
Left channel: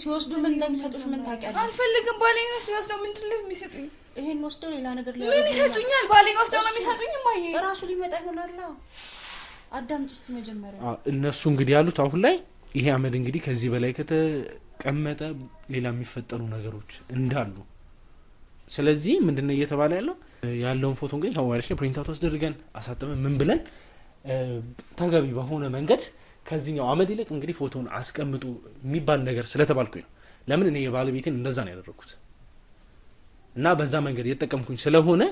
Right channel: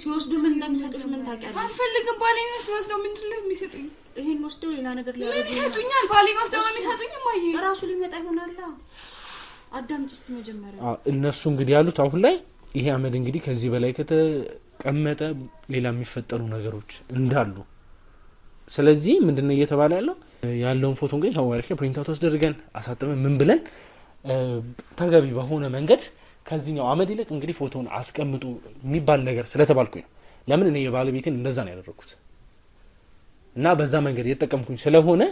ሲወስዱ ምን እንደሚሰጡሽ ምን ታውቂያለሽ አልፈልግም ባሌን ወስደው ምንድን ነው የሚሰጡኝ ይሄን ወስደው ሌላ ነገር ሊያደርጉ ይሰጡኛል ባሌን ወስደው ነው የሚሰጡኝ ማየ ራሱ ሊመጣ ይሆናል አዳምጪ እስቲ መጀመሪያ እነሱ እንግዲህ ያሉት አሁን ላይ ይሄ አመድ እንግዲህ ከዚህ በላይ ከተቀመጠ ሌላ የሚፈጠሩ ነገሮች እንዳሉ። ስለዚህ ምንድነው እየተባለ ያለውን ፎቶ እንግዲህ ሀዋሪሽ ፕሪንት አውት አስደርገን አሳጥበን ምን ብለን ተገቢ በሆነ መንገድ ከዚህኛው አመድ ይልቅ እንግዲህ ፎቶን አስቀምጡ የሚባል ነገር ስለተባልኩኝ ነው። ለምን እኔ የባለቤቴን እንደዛ ነው ያደረኩት እና በዛ መንገድ እየተጠቀምኩኝ ስለሆነ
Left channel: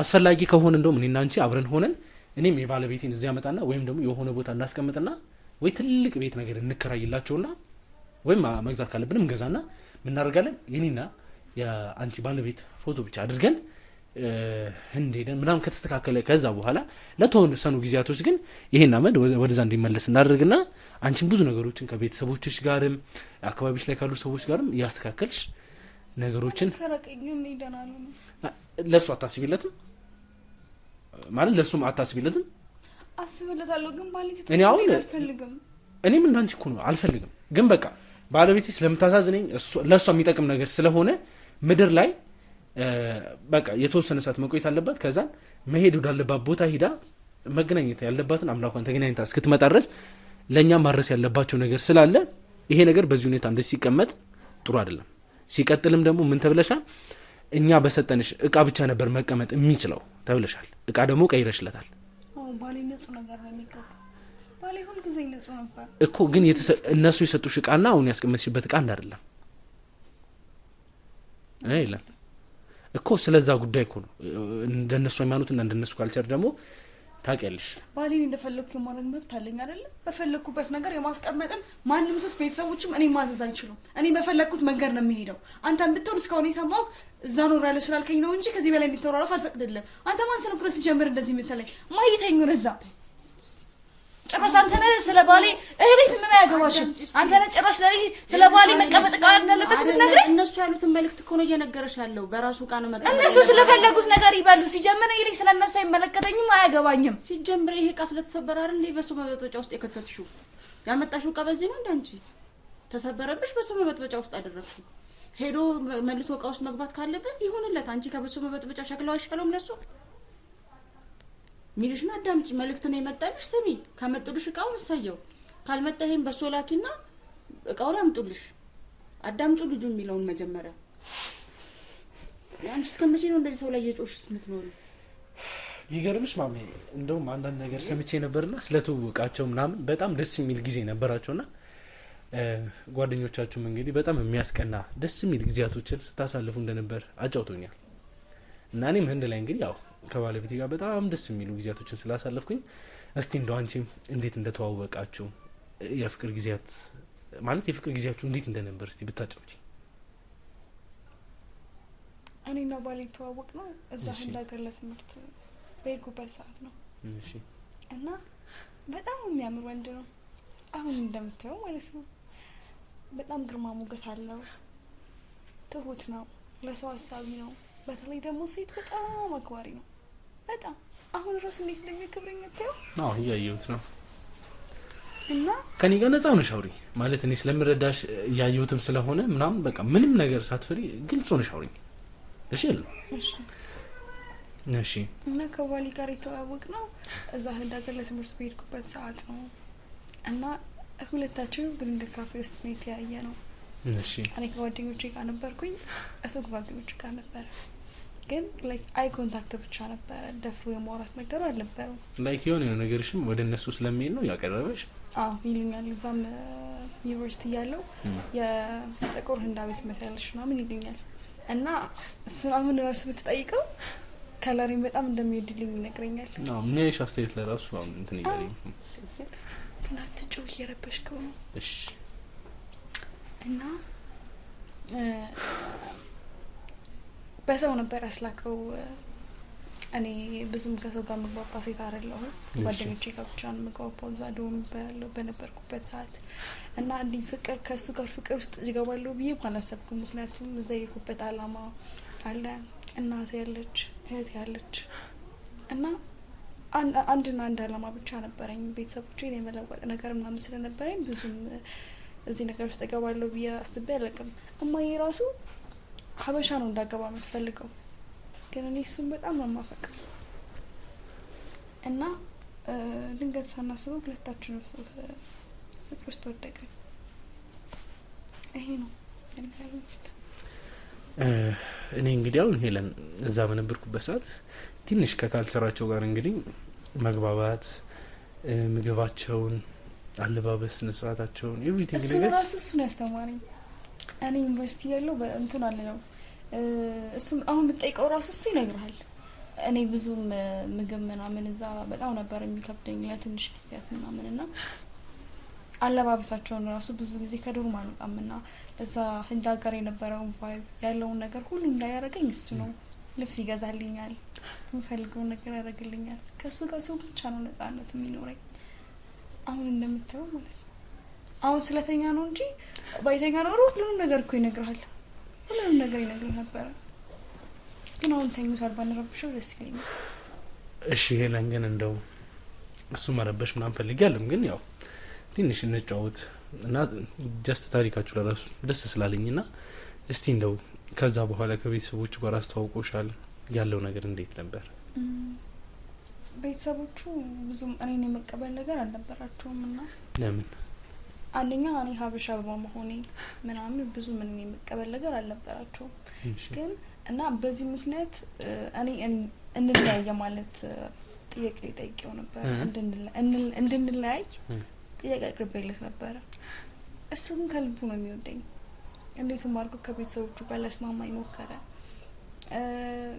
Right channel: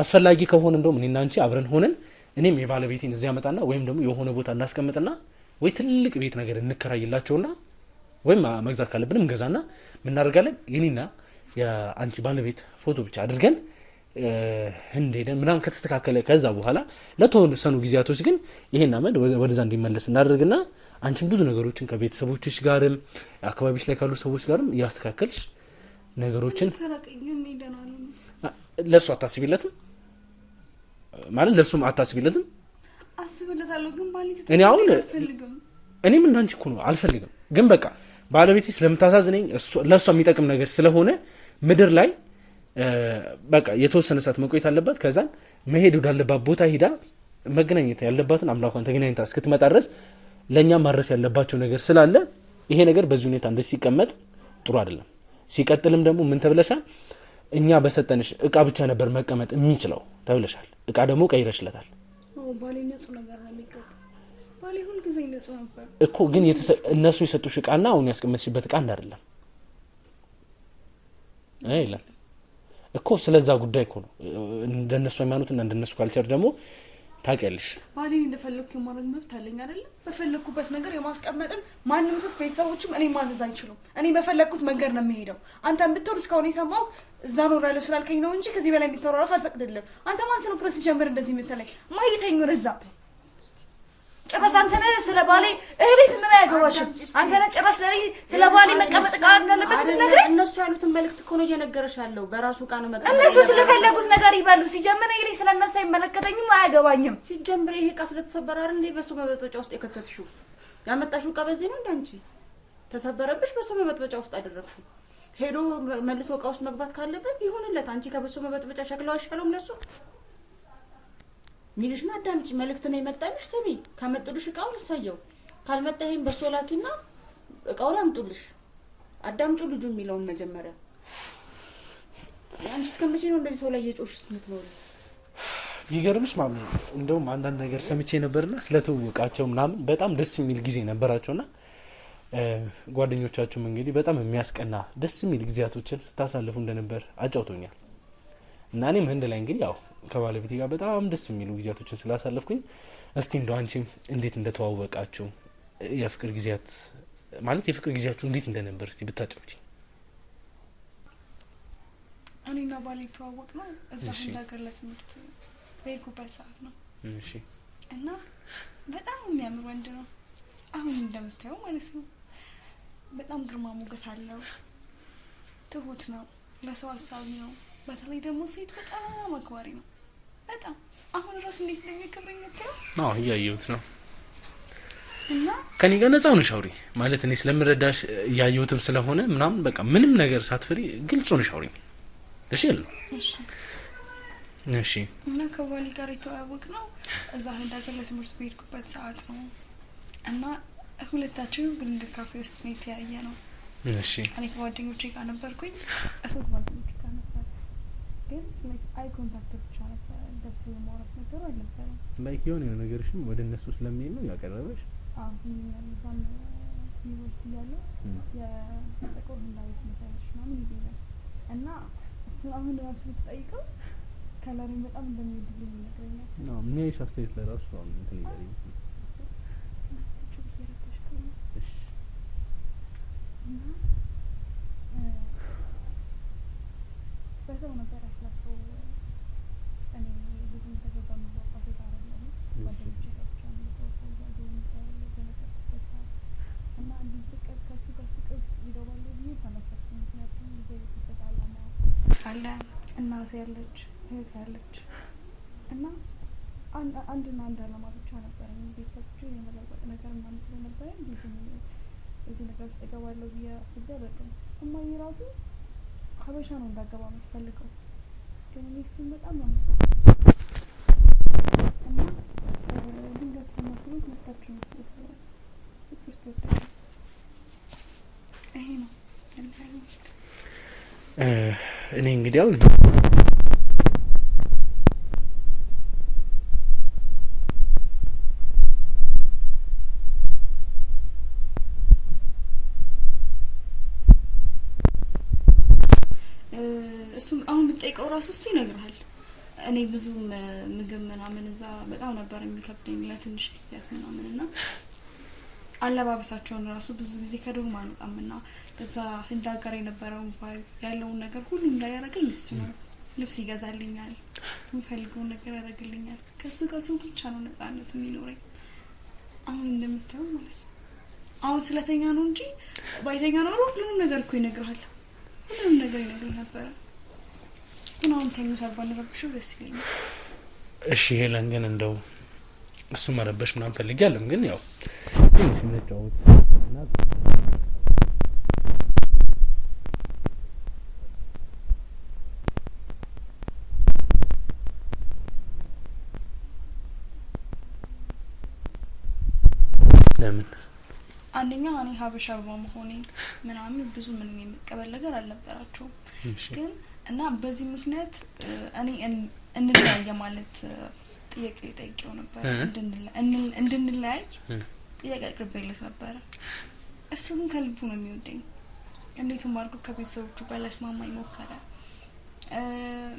አስፈላጊ ከሆነ እንደውም እኔና አንቺ አብረን ሆነን እኔም የባለቤቴን እዚያ መጣና ወይም ደግሞ የሆነ ቦታ እናስቀምጥና ወይ ትልቅ ቤት ነገር እንከራይላቸውና ወይም መግዛት ካለብንም እንገዛና ምን እናደርጋለን የኔና የአንቺ ባለቤት ፎቶ ብቻ አድርገን ህንድ ሄደን ምናምን ከተስተካከለ ከዛ በኋላ ለተወሰኑ ጊዜያቶች ግን ይሄን አመድ ወደዛ እንዲመለስ እናደርግና አንቺን ብዙ ነገሮችን ከቤተሰቦችሽ ጋርም አካባቢሽ ላይ ካሉ ሰዎች ጋርም እያስተካከልሽ ነገሮችን ለሱ አታስቢለትም ማለት ለሱም አታስቢለትም። አስብለታለሁ ግን ባለቤቴ እኔ አሁን እኔም እንዳንቺ እኮ ነው አልፈልግም። ግን በቃ ባለቤቴ ስለምታሳዝነኝ ለሷ የሚጠቅም ነገር ስለሆነ ምድር ላይ በቃ የተወሰነ ሰዓት መቆየት አለባት። ከዛን መሄድ ወዳለባት ቦታ ሄዳ መገናኘት ያለባትን አምላኳን ተገናኝታ እስክትመጣ ድረስ ለእኛም ማድረስ ያለባቸው ነገር ስላለ ይሄ ነገር በዚህ ሁኔታ እንደዚህ ሲቀመጥ ጥሩ አይደለም። ሲቀጥልም ደግሞ ምን ተብለሻል? እኛ በሰጠንሽ እቃ ብቻ ነበር መቀመጥ የሚችለው ተብለሻል። እቃ ደግሞ ቀይረሽለታል። ባሌ ንጹህ ነገር ነው የሚገባ። ባሌ ሁልጊዜ ንጹህ ነበር እኮ ግን እነሱ የሰጡሽ እቃና አሁን ያስቀመጥሽበት እቃ እንዳይደለም አይደለም እኮ። ስለዛ ጉዳይ እኮ ነው እንደነሱ ሃይማኖትና እንደነሱ ካልቸር ደግሞ ታውቂያለሽ። ባሌን እንደፈለኩ የማድረግ መብት አለኝ አይደል? በፈለኩበት ነገር የማስቀመጥን ማንም ሰው ቤተሰቦችም እኔ ማዘዝ አይችሉም። እኔ በፈለኩት መንገድ ነው የምሄደው። አንተም ብትሆን እስካሁን የሰማው እዛ ኖር ያለ ስላልከኝ ነው እንጂ ከዚህ በላይ እንድትኖር እራሱ አልፈቅድልም። አንተ ማን ስለሆንክ ነው ሲጀምር እንደዚህ የምትለኝ? ማይተኝ ነው እዛ ጭራሽ አንተ ነህ ስለ ባሌ እህቴ ምን ያገባሽም? አንተ ነህ ጭራሽ ላይ ስለ ባሌ መቀመጥ ቃል እንዳለበት ምትነግረኝ? እነሱ ያሉትን መልእክት እኮ ነው እየነገረሽ ያለው። በራሱ ቃል ነው መቀመጥ። እነሱ ስለፈለጉት ነገር ይበሉ። ሲጀምር ይሄ ስለነሱ አይመለከተኝም፣ አያገባኝም። ሲጀምር ይሄ እቃ ስለተሰበረ አይደል እንዴ በሱ መበጥበጫ ውስጥ የከተትሽው? ያመጣሽው እቃ በዚህ ነው እንዳንቺ ተሰበረብሽ፣ በሱ መበጥበጫ ውስጥ አደረግሽው። ሄዶ መልሶ እቃ ውስጥ መግባት ካለበት ይሁንለት። አንቺ ከበሱ መበጥበጫ ሸክላው አይሻለውም ለሱ? ሚልሽና አዳምጪ። መልእክት ነው የመጣልሽ፣ ስሚ። ከመጡልሽ እቃውን እሰየው፣ ካልመጣ ይሄን በሶ ላኪና እቃውን አምጡልሽ። አዳምጪው ልጁ የሚለውን መጀመሪያ። አንቺ እስከመቼ ነው እንደዚህ ሰው ላይ የጮሽስ የምትኖሪ? ይገርምሽ ማምን እንደውም አንዳንድ ነገር ሰምቼ ነበርና ስለተወቃቸው ምናምን በጣም ደስ የሚል ጊዜ ነበራቸውና ጓደኞቻችሁም እንግዲህ በጣም የሚያስቀና ደስ የሚል ጊዜያቶችን ስታሳልፉ እንደነበር አጫውቶኛል። እና እኔም ህንድ ላይ እንግዲህ ያው ከባለቤቴ ጋር በጣም ደስ የሚሉ ጊዜያቶችን ስላሳለፍኩኝ እስቲ እንደው አንቺም እንዴት እንደተዋወቃችሁ የፍቅር ጊዜያት ማለት የፍቅር ጊዜያችሁ እንዴት እንደነበር እስቲ ብታጫውቺ። እኔና ባሌ ተዋወቅ ነው እዛ ህንድ ሀገር ለትምህርት በሄድኩበት ሰዓት ነው። እሺ። እና በጣም የሚያምር ወንድ ነው አሁን እንደምታየው ማለት ነው። በጣም ግርማ ሞገስ አለው፣ ትሁት ነው፣ ለሰው ሀሳቢ ነው። በተለይ ደግሞ ሴት በጣም አክባሪ ነው። በጣም አሁን ራሱ እንዴት እንደሚያከብረኝ ነው። አዎ እያየሁት ነው። እና ከኔ ጋር ነፃ ሆነሽ አውሪ ማለት እኔ ስለምረዳሽ እያየሁትም ስለሆነ ምናምን በቃ ምንም ነገር ሳትፈሪ ግልጽ ሆነሽ አውሪኝ። እሺ ያለው እሺ እሺ። እና ከባሌ ጋር የተዋወቅ ነው እዛ ህንድ ሀገር ለትምህርት በሄድኩበት ሰዓት ነው። እና ሁለታችንም ግሪንግ ካፌ ውስጥ ነው የተያየ ነው። እሺ። እኔ ከጓደኞቼ ጋር ነበርኩኝ፣ እሱ ከጓደኞቼ ጋር ነበር። ግን ላይክ አይ ኮንታክት ብቻ ነበረ፣ ደፍሮ የማውራት ነገሩ አልነበረም። ላይክ የሆነ ነገርሽም ወደ እነሱ ስለሚሄድ ነው ያቀረበሽ? አዎ ይሉኛል። እዛም ዩኒቨርሲቲ ያለው የጥቁር ህንዳዊት መሰለሽ ምናምን ይሉኛል። እና እሱን አሁን ራሱ ብትጠይቀው ከለሪን በጣም እንደሚወድልኝ ይነግረኛል። አዎ ምን ያይሽ አስተያየት ለራሱ አሁን እንትን ይገርም ናትጩ እየረበሽከው ነው። እሺ። እና በሰው ነበር ያስላከው። እኔ ብዙም ከሰው ጋር መግባባ ሴት አይደለሁም። ጓደኞቼ ጋር ብቻ ነው መግባባው እዛ ዶም በነበርኩበት ሰዓት። እና እንዲህ ፍቅር ከእሱ ጋር ፍቅር ውስጥ እገባለሁ ብዬ አላሰብኩም። ምክንያቱም እዛ የሄድኩበት አላማ አለ፣ እናት ያለች፣ እህት ያለች እና አንድና አንድ አላማ ብቻ ነበረኝ። ቤተሰቦቼን የመለወጥ ነገር ምናምን ስለነበረኝ ብዙም እዚህ ነገር ውስጥ እገባለሁ ብዬ አስቤ አላውቅም። እማዬ ራሱ ሀበሻ ነው እንዳገባ የምትፈልገው፣ ግን እኔ እሱም በጣም ነው የማፈቅረው። እና ድንገት ሳናስበው ሁለታችን ፍቅር ውስጥ ወደቅን። ይሄ ነው እኔ እንግዲህ አሁን እዛ በነበርኩበት ሰዓት ትንሽ ከካልቸራቸው ጋር እንግዲህ መግባባት ምግባቸውን አለባበስ ስነስርዓታቸውን ኤቭሪቲንግ ነገር እሱን ያስተማረኝ እኔ ዩኒቨርሲቲ ያለው በእንትን አለ ነው እሱም አሁን ብትጠይቀው ራሱ እሱ ይነግራል። እኔ ብዙም ምግብ ምናምን እዛ በጣም ነበር የሚከብደኝ ለትንሽ ጊዜያት ምናምንና አለባበሳቸውን ራሱ ብዙ ጊዜ ከዶርም አልወጣምና እዛ ህንድ ሀገር የነበረውን ቫይብ ያለውን ነገር ሁሉ እንዳያረገኝ እሱ ነው። ልብስ ይገዛልኛል፣ የምፈልገውን ነገር ያደርግልኛል። ከሱ ጋር ሰው ብቻ ነው ነፃነት የሚኖረኝ። አሁን እንደምታየው ማለት ነው። አሁን ስለተኛ ነው እንጂ ባይተኛ ኖሮ ሁሉንም ነገር እኮ ይነግርሃል። ሁሉንም ነገር ይነግርህ ነበር። ግን አሁን ተኝቷል ባንረብሽው ደስ ይለኛል። እሺ ሄለን ግን እንደው እሱ መረበሽ ምናምን ፈልጊያለሁ፣ ግን ያው ትንሽ እንጫወት እና ጀስት ታሪካችሁ ለራሱ ደስ ስላለኝና እስቲ እንደው ከዛ በኋላ ከቤተሰቦቹ ጋር አስተዋውቆሻል ያለው ነገር እንዴት ነበር? ቤተሰቦቹ ብዙም እኔን የመቀበል ነገር አልነበራቸውም። ለምን? አንደኛ እኔ ሀበሻ በመሆኔ ምናምን ብዙ ምን የመቀበል ነገር አልነበራቸውም። ግን እና በዚህ ምክንያት እኔ እንለያየ ማለት ጥያቄ ጠይቄው ነበር። እንድንለያይ ጥያቄ አቅርቤለት ነበረ። እሱ ግን ከልቡ ነው የሚወደኝ። እንዴትም አድርጎ ከቤተሰቦቹ ጋር ሊያስማማኝ ሞከረ።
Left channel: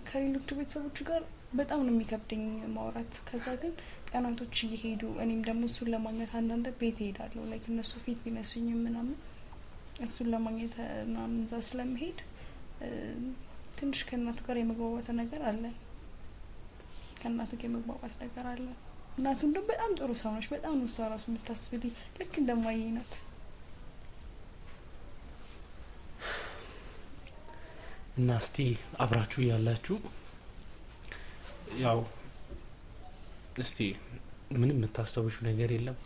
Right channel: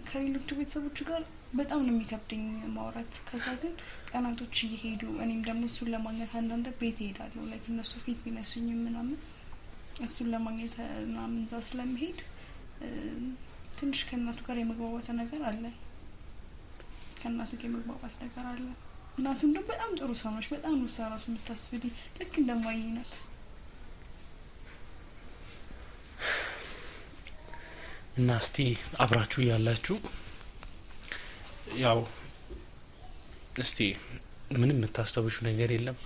ከሌሎቹ ቤተሰቦቹ ጋር በጣም ነው የሚከብደኝ ማውራት። ከዛ ግን ቀናቶች እየሄዱ እኔም ደግሞ እሱን ለማግኘት አንዳንድ ቤት እሄዳለሁ። ላይክ እነሱ ፊት ቢነሱኝም ምናምን እሱን ለማግኘት ምናምን እዛ ስለምሄድ ትንሽ ከእናቱ ጋር የመግባባት ነገር አለ። ከእናቱ ጋር የመግባባት ነገር አለ። እናቱ እንደውም በጣም ጥሩ ሰው ነች። በጣም ነው እሷ ራሱ የምታስብልኝ ልክ እንደማየ ናት። እና እስቲ አብራችሁ ያላችሁ ያው እስቲ ምንም የምታስተውሹ ነገር የለም?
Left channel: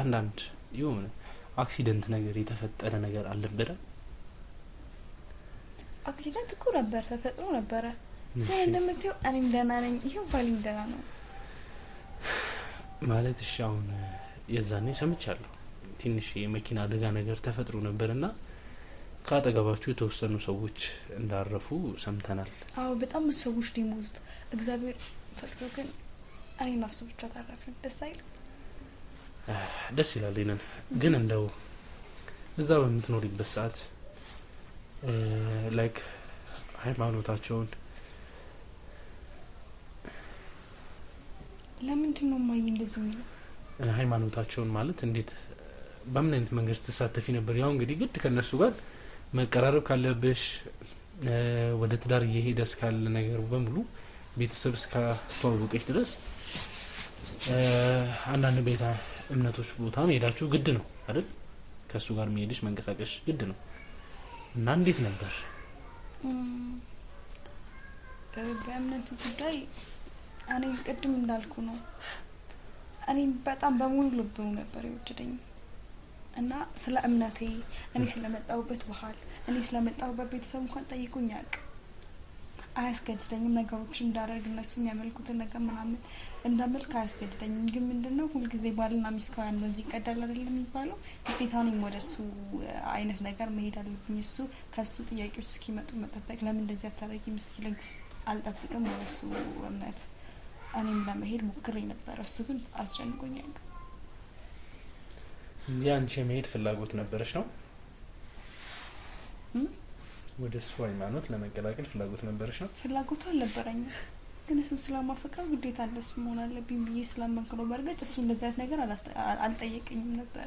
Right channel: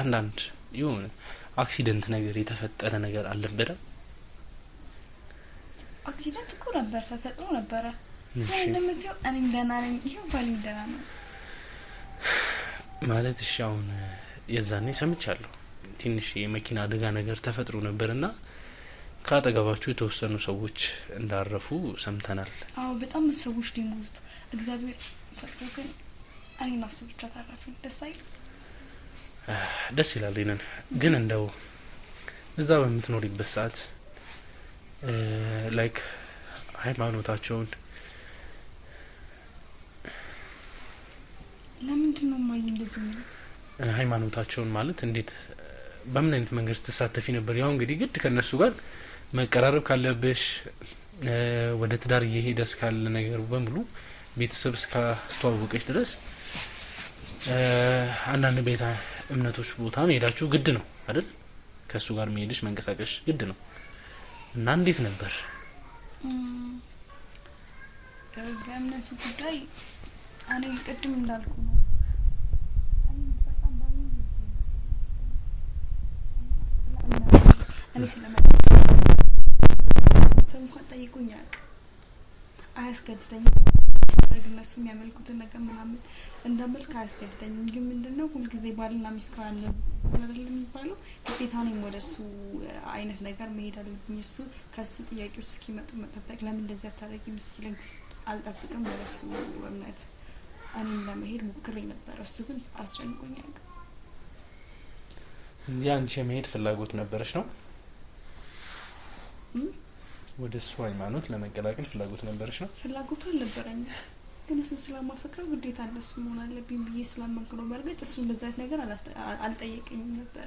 አንዳንድ የሆነ አክሲደንት ነገር የተፈጠረ ነገር አልነበረም? አክሲደንት እኮ ነበር፣ ተፈጥሮ ነበረ። እንደምትይው እኔም ደህና ነኝ። ይሄው ባሌም ደህና ነው ማለት። እሺ አሁን የዛኔ ሰምቻለሁ ትንሽ የመኪና አደጋ ነገር ተፈጥሮ ነበርና ካጠገባችሁ የተወሰኑ ሰዎች እንዳረፉ ሰምተናል። አዎ በጣም ሰዎች ሊሞቱት እግዚአብሔር ፈቅዶ ግን እኔና እሱ ብቻ ተረፍን። ደስ አይል? ደስ ይላል። ይነን ግን እንደው እዛ በምትኖሪበት ሰዓት ላይክ ሃይማኖታቸውን ለምንድን ነው ማይ እንደዚህ ነው? ሃይማኖታቸውን ማለት እንዴት በምን አይነት መንገድ ተሳተፊ ነበር? ያው እንግዲህ ግድ ከነሱ ጋር መቀራረብ ካለብሽ ወደ ትዳር እየሄደ እስካለ ነገር በሙሉ ቤተሰብ እስካስተዋወቀች ድረስ አንዳንድ ቤተ እምነቶች ቦታ መሄዳችሁ ግድ ነው አይደል? ከሱ ጋር መሄድሽ መንቀሳቀሽ ግድ ነው። እና እንዴት ነበር? በእምነቱ ጉዳይ እኔ ቅድም እንዳልኩ ነው። እኔ በጣም በሙሉ ልብ ነበር የወደደኝ እና ስለ እምነቱ እኔ ስለመጣው ቤተሰብ እንኳን ጠይቁኝ አያውቅም። አያስገድደኝም ነገሮችን እንዳደርግ እነሱ የሚያመልኩትን ነገር ምናምን እንዳመልክ አያስገድደኝም። ግን ምንድነው ሁልጊዜ ባልና ሚስት ከአንድ ወንዝ ይቀዳል አይደለም የሚባለው? ግዴታ እኔም ወደሱ አይነት ነገር መሄድ አለብኝ። እሱ ከሱ ጥያቄዎች እስኪመጡ መጠበቅ። ለምን እንደዚህ አታረጊም እስኪለኝ አልጠብቅም። ወደሱ እምነት እኔም ለመሄድ ሞክሬ ነበር። እሱ ግን አስጨንቆኝ አያውቅም። አንቺ የመሄድ ፍላጎት ነበረሽ ነው? ወደ እሱ ሃይማኖት ለመቀላቀል ፍላጎት ነበረሽ ነው? ፍላጎቱ አልነበረኝም፣ ግን እሱ ስለማፈቅረው ግዴታ እንደሱ መሆን አለብኝ ብዬ ስላመንኩ ነው። በእርግጥ እሱ እንደዛ አይነት ነገር አልጠየቀኝም ነበር።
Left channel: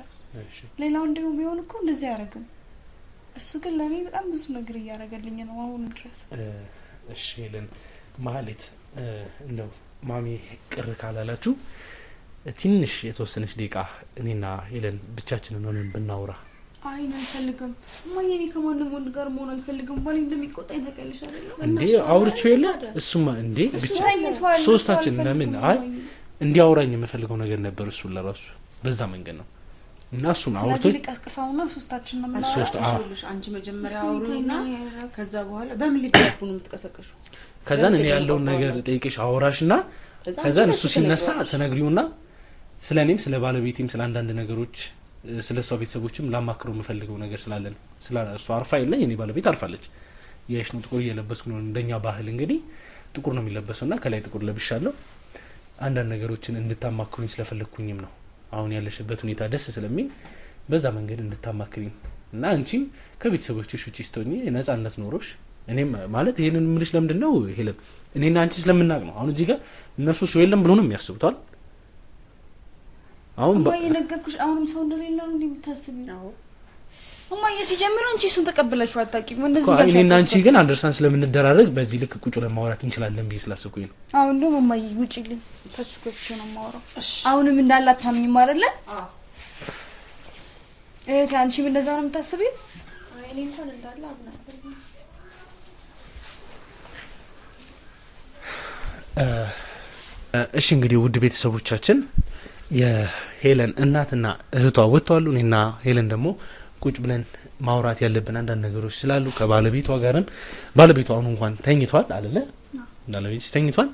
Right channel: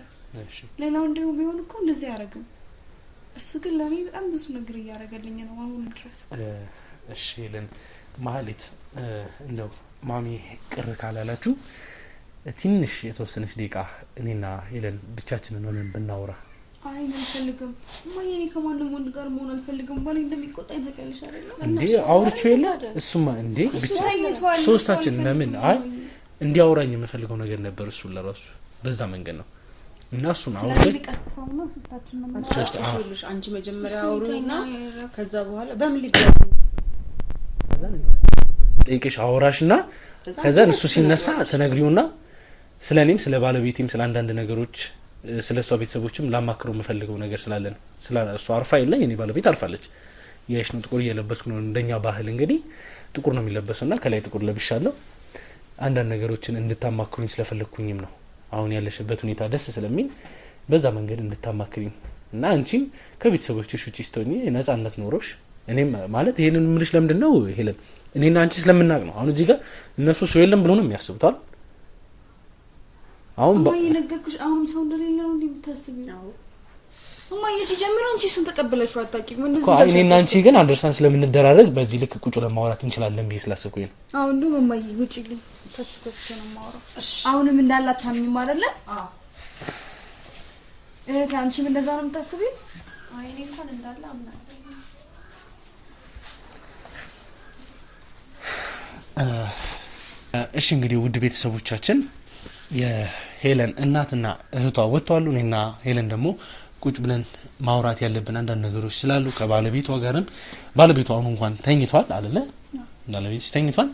ሌላው እንዲሁ ቢሆን እኮ እንደዚህ አያደርግም። እሱ ግን ለእኔ በጣም ብዙ ነገር እያደረገልኝ ነው አሁን ድረስ። እሺ ሄለን ማህሌት፣ እንደው ማሚ ቅር ካላላችሁ ትንሽ የተወሰነች ደቂቃ እኔና ሄለን ብቻችንን ሆነን ብናወራ። አይ አልፈልግም ማየ፣ እኔ ከማንም ወንድ ጋር መሆን አልፈልግም። ባለኝ እንደሚቆጣኝ ታውቂያለሽ አይደል? እንዴ አውርቼው የለ እሱማ እንዴ ብቻ ሶስታችን ለምን አይ እንዲያወራኝ የምፈልገው ነገር ነበር። እሱ ለራሱ በዛ መንገድ ነው እና እሱን አውርቼ ልቀስቅሳውና ሶስታችን ነው ማለት ነው። አንቺ መጀመሪያ አውሩና ከዛ በኋላ በምን ሊደርቁ ነው የምትቀሰቅሹ? ከዛን እኔ ያለውን ነገር ጠይቄሽ አወራሽና ከዛን እሱ ሲነሳ ተነግሪውና ስለኔም ስለ ባለቤቴም ስለ አንዳንድ ነገሮች ስለሷ ቤተሰቦችም ላማክረው የምፈልገው ነገር ስላለ ነው። እሷ አርፋ የለ የኔ ባለቤት አርፋለች። ያሽ ነው ጥቁር እየለበስኩ ነው። እንደኛ ባህል እንግዲህ ጥቁር ነው የሚለበሰውና ከላይ ጥቁር ለብሻለሁ። አንዳንድ ነገሮችን እንድታማክሩኝ ስለፈለኩኝም ነው። አሁን ያለሽበት ሁኔታ ደስ ስለሚል በዛ መንገድ እንድታማክሩኝ እና አንቺም ከቤተሰቦችሽ ውጪ ስትሆኚ ነፃነት ኖሮሽ እኔም ማለት ይሄንን ምልሽ ለምንድን ነው ሄለን እኔና አንቺ ስለምናቅ ነው። አሁን እዚህ ጋር እነሱ ሰው የለም ብሎ ነው የሚያስቡታል። አሁን ባይነገርኩሽ አሁን ሰው እንደሌለ ነው እንደምታስቢ ነው እማዬ። ሲጀምር አንቺ እሱን ተቀበለሽው አታውቂም። እንደዚህ ነው እኔና አንቺ ግን አንደርስታንድ ስለምንደራረግ በዚህ ልክ ቁጭ ለማውራት እንችላለን ብዬ ስላሰብኩኝ ነው። አሁን ደግሞ እማዬ ውጪልኝ ተስፈክሽ ነው የማወራው። አሁንም እንዳላት ታምኚም አይደለ? እህቴ አንቺም እንደዛ ነው የምታስቢው? አይ እኔ እንኳን እንዳለ አምናለሁ። እሺ እንግዲህ ውድ ቤተሰቦቻችን የሄለን እናትና እህቷ ወጥተዋል። እኔና ሄለን ደግሞ ቁጭ ብለን ማውራት ያለብን አንዳንድ ነገሮች ስላሉ ከባለቤቷ ጋርም ባለቤቷ አሁን እንኳን ተኝቷል አይደለ? ባለቤት ተኝቷል።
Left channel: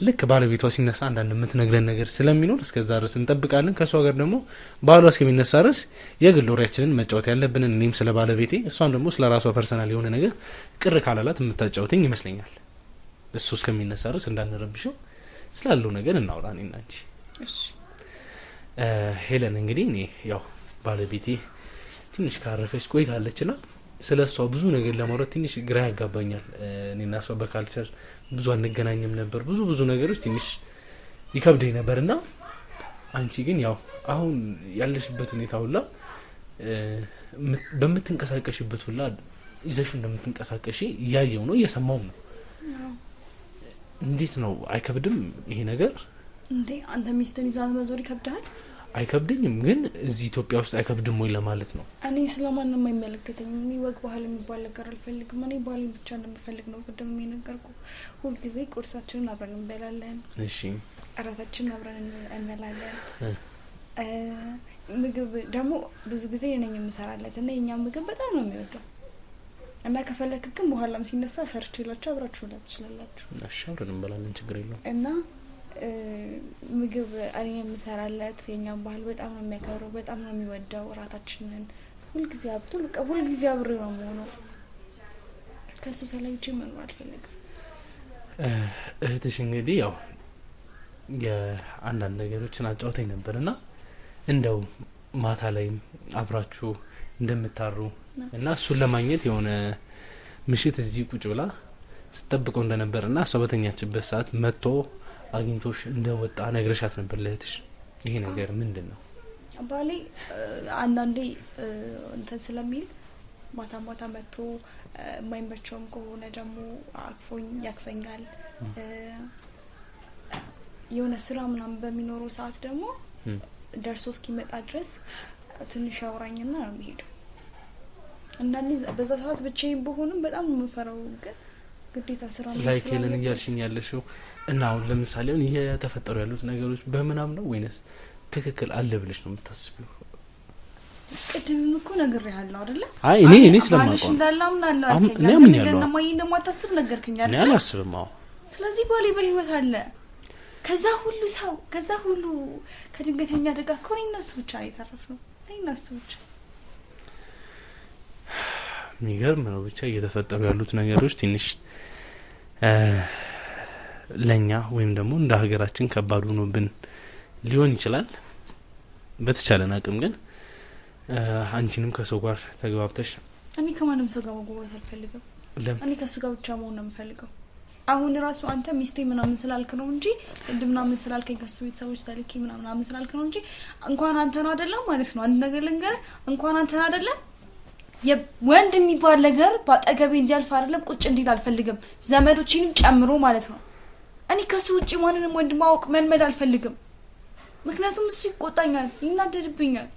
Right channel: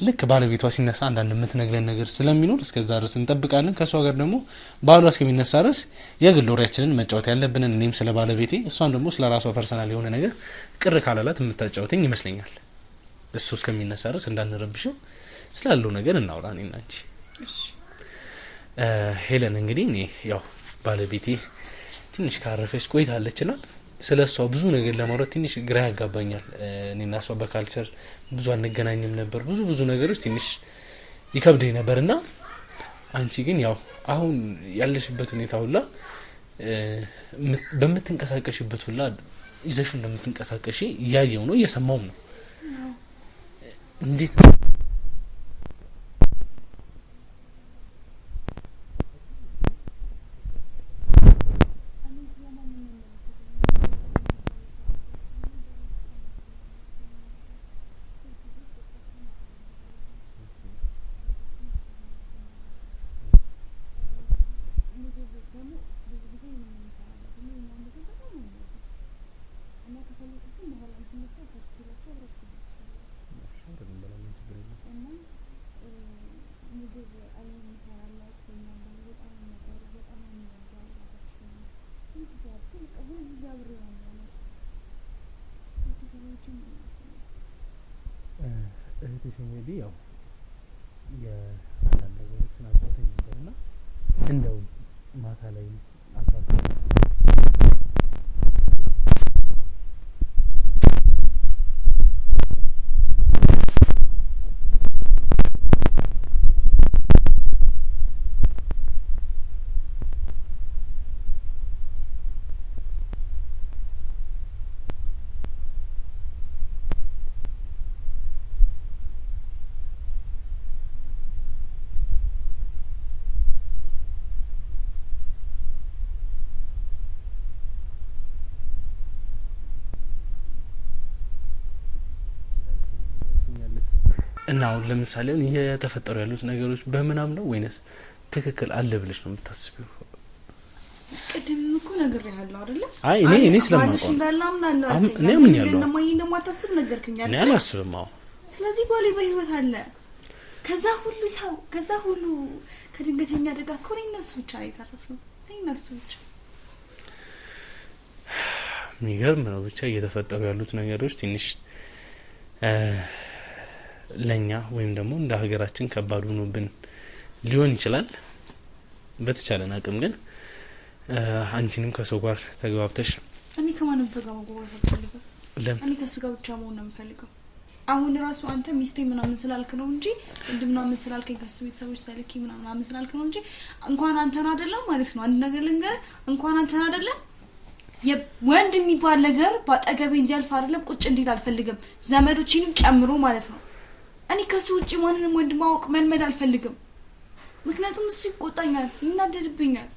ልክ ባለቤቷ ሲነሳ አንዳንድ የምትነግረን ነገር ስለሚኖር እስከዛ ድረስ እንጠብቃለን። ከሷ ጋር ደግሞ ባሏ እስከሚነሳ ድረስ የግል ወሬያችንን መጫወት ያለብንን እኔም ስለ ባለቤቴ እሷም ደግሞ ስለ ራሷ ፐርሰናል የሆነ ነገር ቅር ካላላት የምታጫወተኝ ይመስለኛል። እሱ እስከሚነሳ ድረስ እንዳንረብሸው ስላለው ነገር እናውራ እኔና አንቺ። ሄለን እንግዲህ እኔ ያው ባለቤቴ ትንሽ ካረፈች ቆይታለችና ስለ እሷ ብዙ ነገር ለማውራት ትንሽ ግራ ያጋባኛል። እኔና እሷ በካልቸር ብዙ አንገናኝም ነበር። ብዙ ነገሮች ትንሽ ይከብደኝ ነበርና አንቺ ግን ያው አሁን ያለሽበት ሁኔታ ሁላ በምትንቀሳቀሽበት ሁላ ይዘሽ እንደምትንቀሳቀሽ እያየው ነው እየሰማው ነው። እንዴት ነው አይከብድም ይሄ ነገር? እንዴ አንተ ሚስትን ይዛት መዞር ይከብዳል? አይከብድኝም፣ ግን እዚህ ኢትዮጵያ ውስጥ አይከብድም ወይ ለማለት ነው። እኔ ስለማንም አይመለከተኝም። እኔ ወግ ባህል የሚባል ነገር አልፈልግም። እኔ ባህል ብቻ እንደምፈልግ ነው ቅድም የነገርኩ። ሁልጊዜ ቁርሳችንን አብረን እንበላለን። እሺ እራታችንን አብረን እንበላለን። ምግብ ደግሞ ብዙ ጊዜ ነኝ የምሰራለት እና የኛ ምግብ በጣም ነው የሚወደው እና ከፈለክ ግን በኋላም ሲነሳ ሰርች ይላችሁ አብራችሁ ላት ትችላላችሁ። እሺ አብረን እንበላለን፣ ችግር የለውም። እና ምግብ እኔ የምሰራለት የኛን ባህል በጣም ነው የሚያከብረው፣ በጣም ነው የሚወደው። እራታችንን ሁልጊዜ ሁልጊዜ አብሬ ነው የምሆነው። ከሱ ተለይቼ መኖር አልፈልግም። እህትሽ እንግዲህ ያው የአንዳንድ ነገሮችን አጫውተኝ ነበርና እንደው ማታ ላይም አብራችሁ እንደምታሩ እና እሱን ለማግኘት የሆነ ምሽት እዚህ ቁጭ ብላ ስትጠብቀው እንደነበርና እሷ በተኛችበት ሰዓት መጥቶ አግኝቶሽ እንደወጣ ነግረሻት ነበር ለእህትሽ። ይሄ ነገር ምንድን ነው? ባሌ አንዳንዴ እንትን ስለሚል ማታ ማታ መጥቶ የማይመቸውም ከሆነ ደግሞ አቅፎኝ ያቅፈኛል። የሆነ ስራ ምናምን በሚኖረው ሰዓት ደግሞ ደርሶ እስኪመጣ ድረስ ትንሽ ያወራኝና ነው የሚሄደው። አንዳንዴ በዛ ሰዓት ብቻዬን በሆንም በጣም ነው የምፈራው፣ ግን ግዴታ ስራ ነው ላይ ከለን እያልሽኝ ያለሽው እና አሁን ለምሳሌ አሁን እየተፈጠሩ ያሉት ነገሮች በምናም ነው ወይንስ ትክክል አለ ብለሽ ነው የምታስቢው? ቅድም እኮ ነግሬሃለሁ አይደለ? አይ እኔ ስለማውቀው እንዳላምናለሁ እኔ አምኛለሁ። ለማይ እንደማታስብ ነገርኩኝ አይደል? እኔ አላስብም። አዎ ስለዚህ ባሌ በህይወት አለ። ከዛ ሁሉ ሰው ከዛ ሁሉ ከድንገተኛ አደጋ እኮ እነሱ ብቻ ነው የተረፍነው። እነሱ ብቻ። የሚገርም ነው ብቻ እየተፈጠሩ ያሉት ነገሮች ትንሽ ለኛ ወይም ደግሞ እንደ ሀገራችን ከባድ ሆኖብን ሊሆን ይችላል። በተቻለን አቅም ግን አንቺንም ከሰው ጋር ተግባብተሽ እኔ ከማንም ሰው ጋር መግባባት አልፈልግም። እኔ ከሱ ጋር ብቻ መሆን ነው የምፈልገው። አሁን ራሱ አንተ ሚስቴ ምናምን ስላልክ ነው እንጂ ምናምን ስላልከኝ ከሱ ቤተሰቦች ታልኪ ምናምን ስላልክ ነው እንጂ እንኳን አንተን አይደለም ማለት ነው። አንድ ነገር ልንገርህ፣ እንኳን አንተን አይደለም የወንድ የሚባል ነገር ባጠገቤ እንዲያልፍ አይደለም ቁጭ እንዲል አልፈልግም፣ ዘመዶችንም ጨምሮ ማለት ነው። እኔ ከሱ ውጪ ማንንም ወንድ ማወቅ መልመድ አልፈልግም። ምክንያቱም እሱ ይቆጣኛል፣ ይናደድብኛል።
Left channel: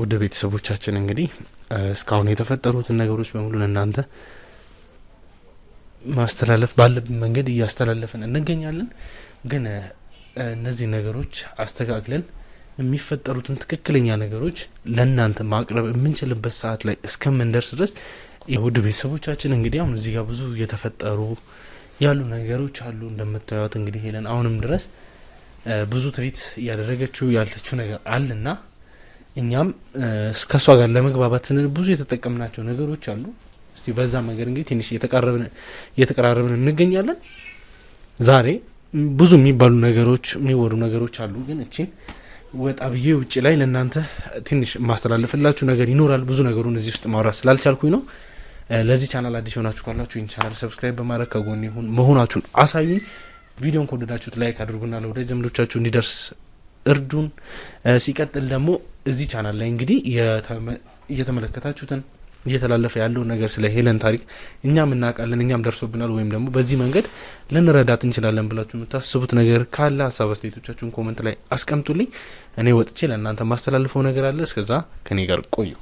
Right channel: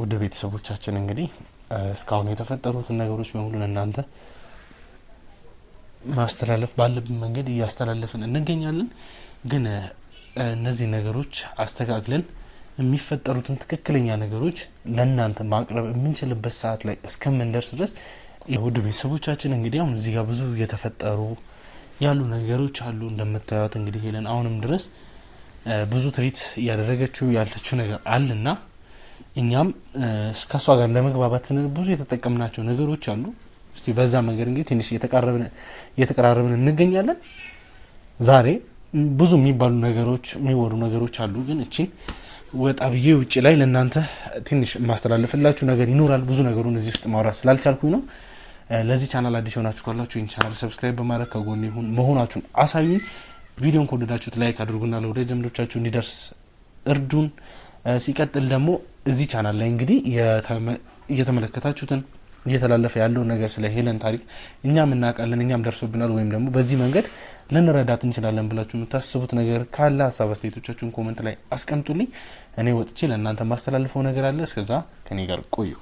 ወደ ቤተሰቦቻችን እንግዲህ እስካሁን የተፈጠሩትን ነገሮች በሙሉ እናንተ ማስተላለፍ ባለብን መንገድ እያስተላለፍን እንገኛለን። ግን እነዚህ ነገሮች አስተካክለን የሚፈጠሩትን ትክክለኛ ነገሮች ለእናንተ ማቅረብ የምንችልበት ሰዓት ላይ እስከምንደርስ ድረስ ውድ ቤተሰቦቻችን እንግዲህ አሁን እዚህ ጋር ብዙ የተፈጠሩ ያሉ ነገሮች አሉ። እንደምታዩት እንግዲህ ሄለን አሁንም ድረስ ብዙ ትሪት እያደረገችው ያለችው ነገር አለና እኛም ከሷ ጋር ለመግባባት ስንል ብዙ የተጠቀምናቸው ነገሮች አሉ። እስቲ በዛ መንገድ እንግዲህ ትንሽ እየተቀራረብን እንገኛለን። ዛሬ ብዙ የሚባሉ ነገሮች የሚወሩ ነገሮች አሉ፣ ግን እቺን ወጣ ብዬ ውጭ ላይ ለእናንተ ትንሽ ማስተላለፍላችሁ ነገር ይኖራል። ብዙ ነገሩን እዚህ ውስጥ ማውራት ስላልቻልኩኝ ነው። ለዚህ ቻናል አዲስ የሆናችሁ ካላችሁ ይህን ቻናል ሰብስክራይብ በማድረግ ከጎን መሆናችሁን አሳዩኝ። ቪዲዮን ከወደዳችሁት ላይክ አድርጉና ለወዳጅ ዘመዶቻችሁ እንዲደርስ እርዱን። ሲቀጥል ደግሞ እዚህ ቻናል ላይ እንግዲህ እየተመለከታችሁትን እየተላለፈ ያለውን ነገር ስለ ሄለን ታሪክ እኛም እናውቃለን፣ እኛም ደርሶብናል፣ ወይም ደግሞ በዚህ መንገድ ልንረዳት እንችላለን ብላችሁ የምታስቡት ነገር ካለ ሀሳብ አስተያየቶቻችሁን ኮመንት ላይ አስቀምጡልኝ። እኔ ወጥቼ ለእናንተ ማስተላልፈው ነገር አለ። እስከዛ ከኔ ጋር ቆዩ።